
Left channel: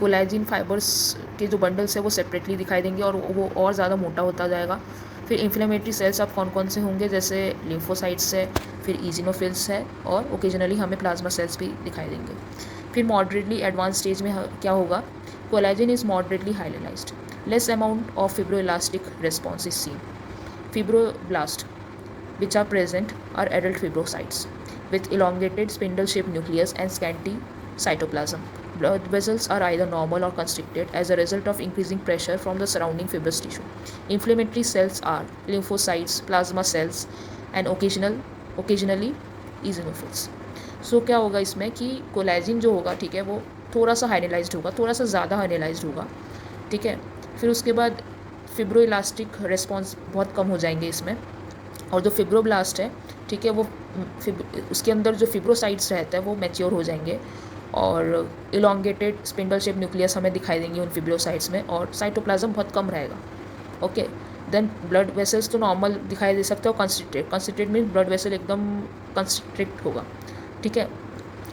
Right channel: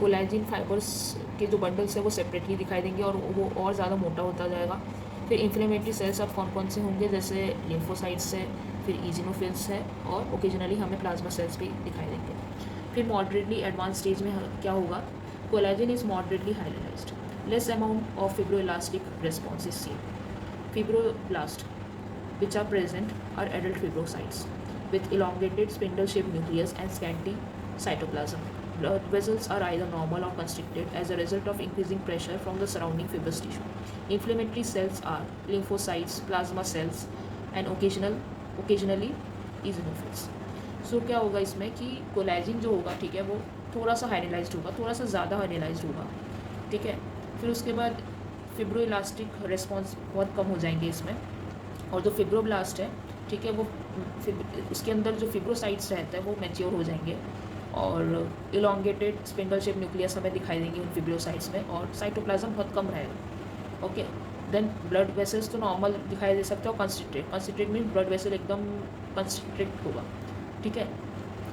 कोलेजिन फाइबर्स के जो बंडल्स है वो सेपरेटली दिखाई देंगे और वो और ज़्यादा मोटा होता जाएगा. फिर इन्फ्लेमेटरी सेल्स अब कौन कौन से होंगे, जैसे लिम्फोसाइट्स है, फिर इजिनोफिल्स है और ओकेजनली हमें प्लाज्मा सेल्स भी दिखाई देंगे. फिर मॉडरेटली एडवांस स्टेज में क्या होगा, collagen is moderately hyalinised, less amount of fibroelastic response is seen. Fibroblast which are present are adult fibrocytes with elongated spindle-shaped nucleus and scanty cytoplasm. Blood vessels are either normal or constricted as a result of increasing pressure from the surrounding fibrous tissue. Inflammatory cells are lymphocytes, plasma cells, and occasionally eosinophils. सो क्या होगा इसमें कि कोलेजिन जो होगा, ठीक है, वो थोड़ा सा हाइलाइज्ड होगा, थोड़ा सा ज़्यादा हाइलाइज्ड होगा. ठीक है, फिर उसके बाद फिब्रोइलास्टिक रिस्पॉन्स बहुत कम हो जाएंगे इसमें. और जो फिब्रोब्लास्ट है, ठीक है, वो उसके अंदर जो फिब्रोसाइट्स रहता है वो मैच्योर हो जाएंगे और इलोंगेटेड स्पिंडल शेप न्यूक्लियस हमें दिखाई देंगे उन फिब्रोसाइट्स में और साइटोप्लाज्म बहुत कम रहेगा. ओके, देन ब्लड वेसल्स तो नॉर्मल दिखाई दे सकते हो, कंस्ट्रिक्टेड मीन ब्लड वेसल एकदम कंस्ट्रिक्ट होगा. ठीक है,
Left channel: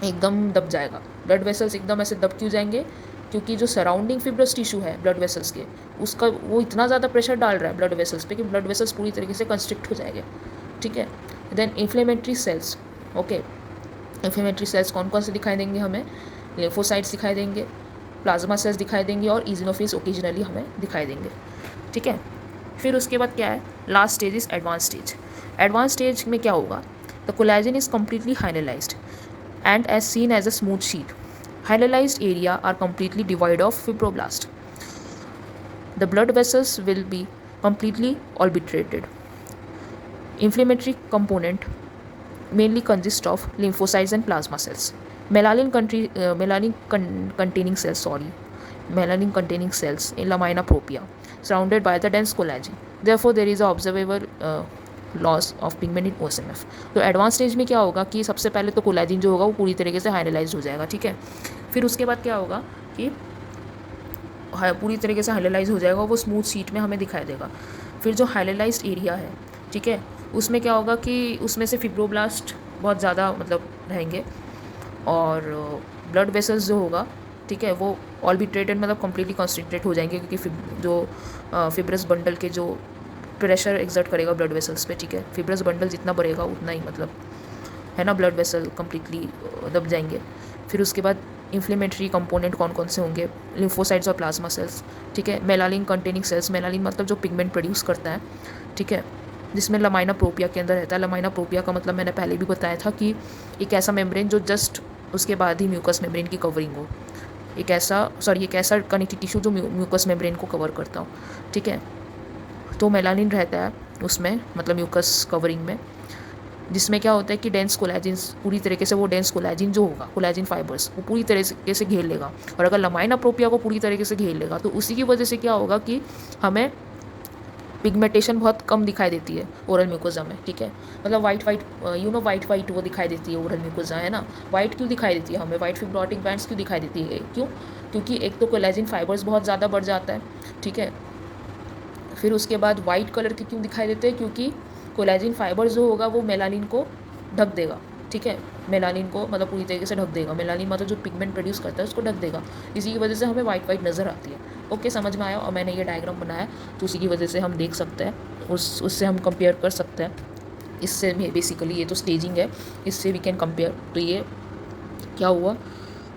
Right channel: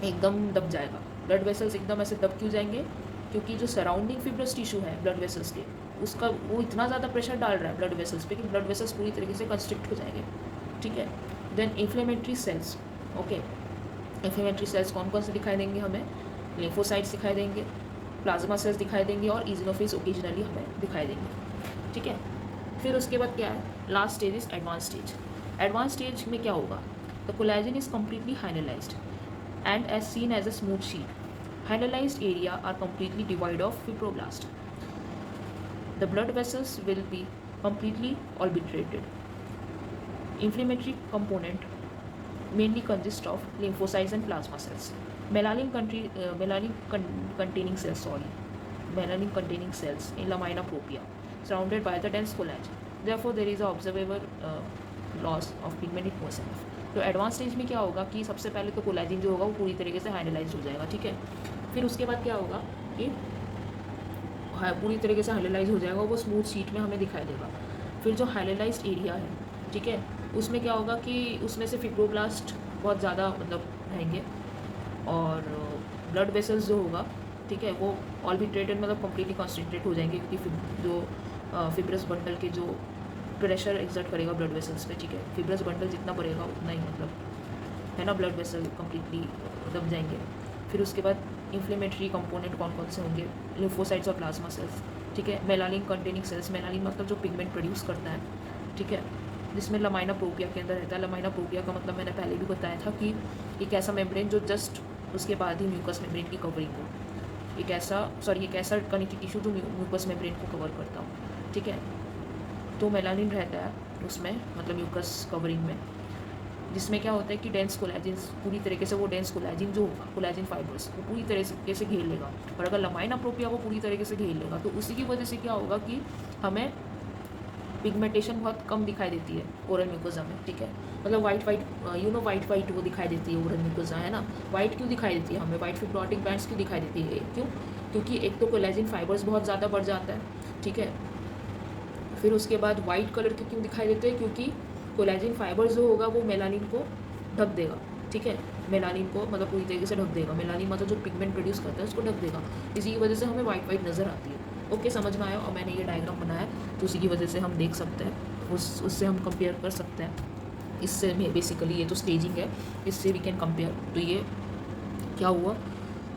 एकदम दब जाएगा. ब्लड वेसल्स एकदम ऐसे दब क्यों जाएंगे, क्योंकि जो सराउंडिंग फिब्रस टिश्यू है ब्लड वेसल्स के, उसका वो इतना ज़्यादा प्रेशर डाल रहा है ब्लड वेसल्स पे कि ब्लड वेसल्स पूरी तरीके से कंस्ट्रिक्ट हो जाएंगे. ठीक है, then inflammatory cells. Okay, inflammatory cells कौन कौन से दिखाई देंगे हमें, लिम्फोसाइट्स दिखाई देंगे, प्लाज्मा सेल्स दिखाई देंगे और इजिनोफिल्स ओकेजनली हमें दिखाई देंगे. ठीक है, फिर उसके बाद क्या है, last stage is advance stage. Advance stage में क्या होगा, the collagen is completely hyalinised and as seen as a smooth sheet. Hyalalized area are completely devoid of fibroblast. The blood vessels will be completely obliterated. Inflammatory component mainly consist of lymphocytes and plasma cells. Melanin containing cells in lamina propria surrounded by the dense collagen. Therefore, there is a observable loss of pigment in OSMF. तो एडवांस स्टेज में क्या होगा कि सबसे पहले तो कोलेजिन जो होगा वो पूरी तरीके से हाइलाइज्ड हो जाएगा. ठीक है, फिर उसके बाद क्या होगा कि पूरी तरीके से हाइलाइज हो जाएगा, वो स्मूथ शीट में हमें दिखाई देगा. फिर जो हाइलाइज्ड एरिया है, ठीक है, उसमें क्या होगा कि उसमें से फिब्रोब्लास्ट बहुत ज़्यादा मतलब रहेंगे और ब्लड वेसल्स जो होगा, ठीक है, वो ऑल्बिट्रेटेड मतलब कम्प्लीटली कॉन्स्ट्रिक्टेड हो जाएंगे क्योंकि जो फिब्रस बंडल के जो प्रेशर एक्सर्ट करेगा ब्लड वेसल्स पे. ठीक है, फिब्रस बंडल जितना बढ़ेगा उतना ही मतलब है ना, ब्लड वेसल कम्प्लीटली दब जाएंगे. फिर उसके बाद इन्फ्लेमेटरी कंपोनेंट कौन कौन से होंगे, लिम्फोसाइट्स और प्लाज्मा सेल्स. ठीक है, मेलानिन कंटेनिंग सेल्स, मेलानिन मतलब जो पिगमेंट प्रोड्यूस करता है. ठीक है, जिसमें लमाइना प्रोपिया के अंदर रहता है. लमाइना प्रोपिया का मतलब मैंने पहले भी बताया था कि एक ऐसा मेम्ब्रेन जो जस्ट उसके बाद ही म्यूकस मेम्ब्रेन की कवरिंग हो. एक ऐसा कनेक्टिव टिश्यू जो म्यूकस मेम्ब्रेन को कवर करता हो. ठीक है, तो मेलानिन रहता है उसमें, मतलब म्यूकस कवरिंग में, जिसमें क्या होता है कि डेंस कोलेजिन पूरी तरीके से वो डेंस कोलेजिन जो होगा, कोलेजिन फाइबर्स वो पूरी तरीके से घेर लेगा. और अगर लमाइना प्रोपिया को पूरी तरीके से घेर लेगा तो उसी की वजह से क्या होगा कि हमें पिगमेंटेशन बहुत कम दिखाई देती है ओरल म्यूकोजा में. ठीक है, मतलब वाइट वो दिखाई देती है ओरल म्यूकोजा, है ना. वाइट क्यों दिखाई देती है हमें, वाइट फिब्रोटिक बैंड्स क्यों दिखाई देती है, क्यों, क्योंकि एक तो कोलेजिन फाइबर्स बहुत ज़्यादा बढ़ जाता है. ठीक है, फिर उसके बाद वाइट कलर के क्यों दिखाई देते हैं, क्योंकि कोलेजिन फाइबर जो होगा वो मेलानिन को ढक देगा. ठीक है, मेलानिन को मतलब पूरी तरीके से ढक देगा. मेलानिन मतलब जो पिगमेंट प्रोड्यूस करता है उसको ढक देगा. इसी की वजह से हमें वाइट नज़र आती है. ओके, समझ में आया. और मैंने ये डायग्राम बनाया तो उसी की वजह से हम देख सकते हैं, उससे हम कंपेयर कर सकते हैं. इससे बेसिकली ये तो स्टेजिंग है, इससे वी कैन कंपेयर. तो ये क्या हुआ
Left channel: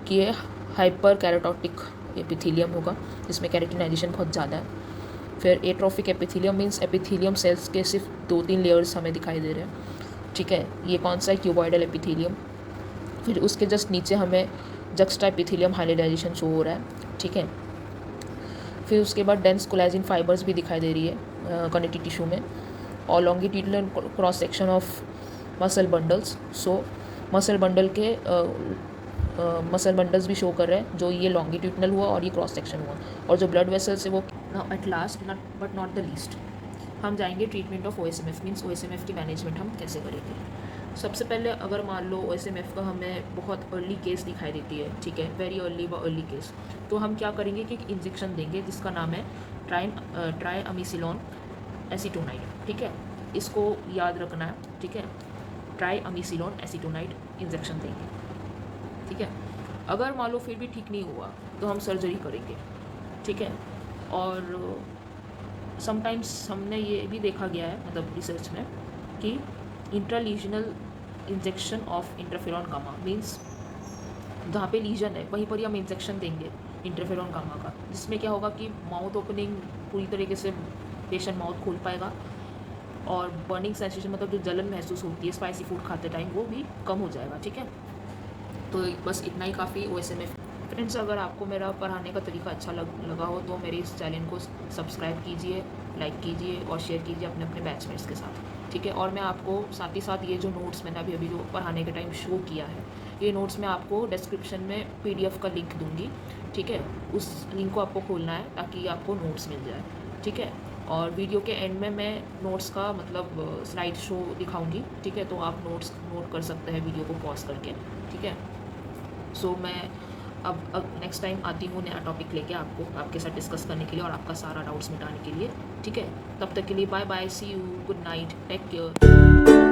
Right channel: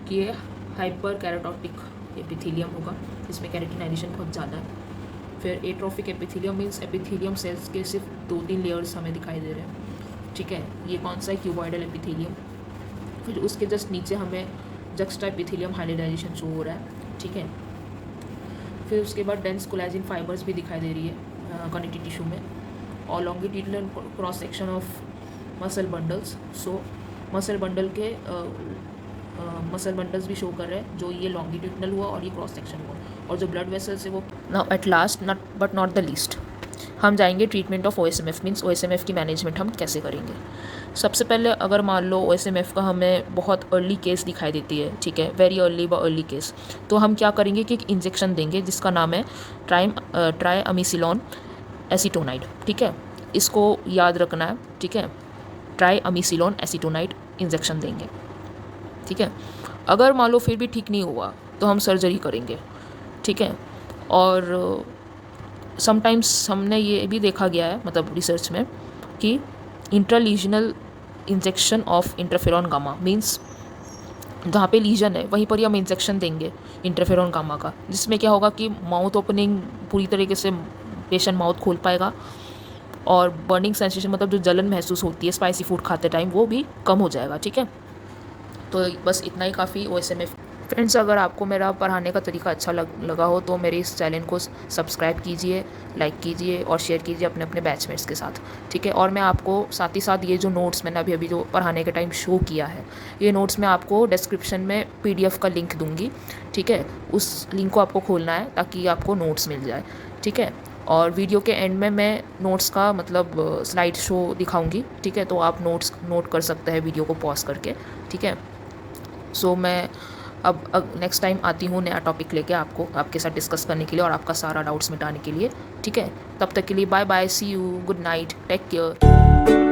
कि ये हाइपर कैराटोटिक एपिथेलियम होगा जिसमें कैरेटिनाइजेशन बहुत ज़्यादा है. फिर atrophic epithelium means epithelium cells के सिर्फ 2-3 लेयर्स हमें दिखाई दे रहे हैं. ठीक है, ये कौन सा है, क्यूबॉइडल एपिथेलियम. फिर उसके जस्ट नीचे हमें जक्स्टा एपिथेलियम हाइलाइजेशन शो हो रहा है. ठीक है, फिर उसके बाद डेंस कोलेजिन फाइबर्स भी दिखाई दे रही है कनेक्टिव टिश्यू में, और longitudinal cross section of muscle bundles. So muscle bundles भी शो कर रहे हैं, जो ये लॉन्गिट्यूडनल हुआ और ये क्रॉस सेक्शन हुआ. और जो ब्लड वेसल्स है वो now at last but not the least, हम जाएंगे treatment of OSMF, means OSMF की मैनेजमेंट हम कैसे करेंगे। सबसे पहले अगर मान लो OSMF का हमें बहुत अर्ली केस दिखाई देती है, ठीक है, वेरी अर्ली व अर्ली केस, तो हम क्या करेंगे कि एक इंजेक्शन देंगे जिसका नाम है ट्राइअमीसिलॉन एसीटोनाइड, ठीक है, इसको याद रखना है, ठीक है, ट्राइअमीसिलॉन एसीटोनाइड इंजेक्शन देंगे, ठीक है। अगर मान लो फिर भी ठीक नहीं हुआ तो हम सर्जरी करेंगे, ठीक है। और समटाइम्स हमने ये भी देखा गया है, मतलब रिसर्च में, कि इंट्रालीजनल injection of interferon gamma, means जहाँ पे लीजन है वहीं पर ही हम इंजेक्शन देंगे इंटरफेरॉन गामा का, जिसमें क्या होगा कि माउथ ओपनिंग पूरी तरीके से पेशेंट माउथ खोल पाएगा और बर्निंग सेंसेशन, मतलब जो जलन महसूस होती है स्पाइसी फूड खाते टाइम, वो भी कम हो जाएगा, ठीक है। तो बस इतना ही काफ़ी OSMF। फ्रेंड्स, अगर आपको मेरा पढ़ाने का तरीका अच्छा लगा हो तो मेरे इस चैनल को सब्सक्राइब कीजिए, लाइक कीजिए और शेयर कीजिए अपने अपने बैचमेट्स के साथ, ठीक है। और मैं आपको साथ ही साथ ये जो नोट्स मैंने अभी जो पढ़ाने के टाइम शो किया है, ये नोट्स मैं आपको डिस्क्रिप्शन में PDF का लिंक दूंगी, ठीक है। उस लिंक को आपको खोलना है ताकि आपको नोट्स मिल जाए, ठीक है। और वीडियो के एंड में मैं नोट्स का मतलब स्लाइड शो दिखाऊंगी, ठीक है, तो आप नोट्स नोट कर सकते हैं वीडियो को पॉज करके, ठीक है। सो मैं अब नेक्स्ट टाइम आती हूँ नया टॉपिक लेके आपके साथ डिस्कस करने के लिए और आपका सारा डाउट्स मिटाने के लिए, ठीक है। तब तक के लिए bye bye, see you, good night, take care.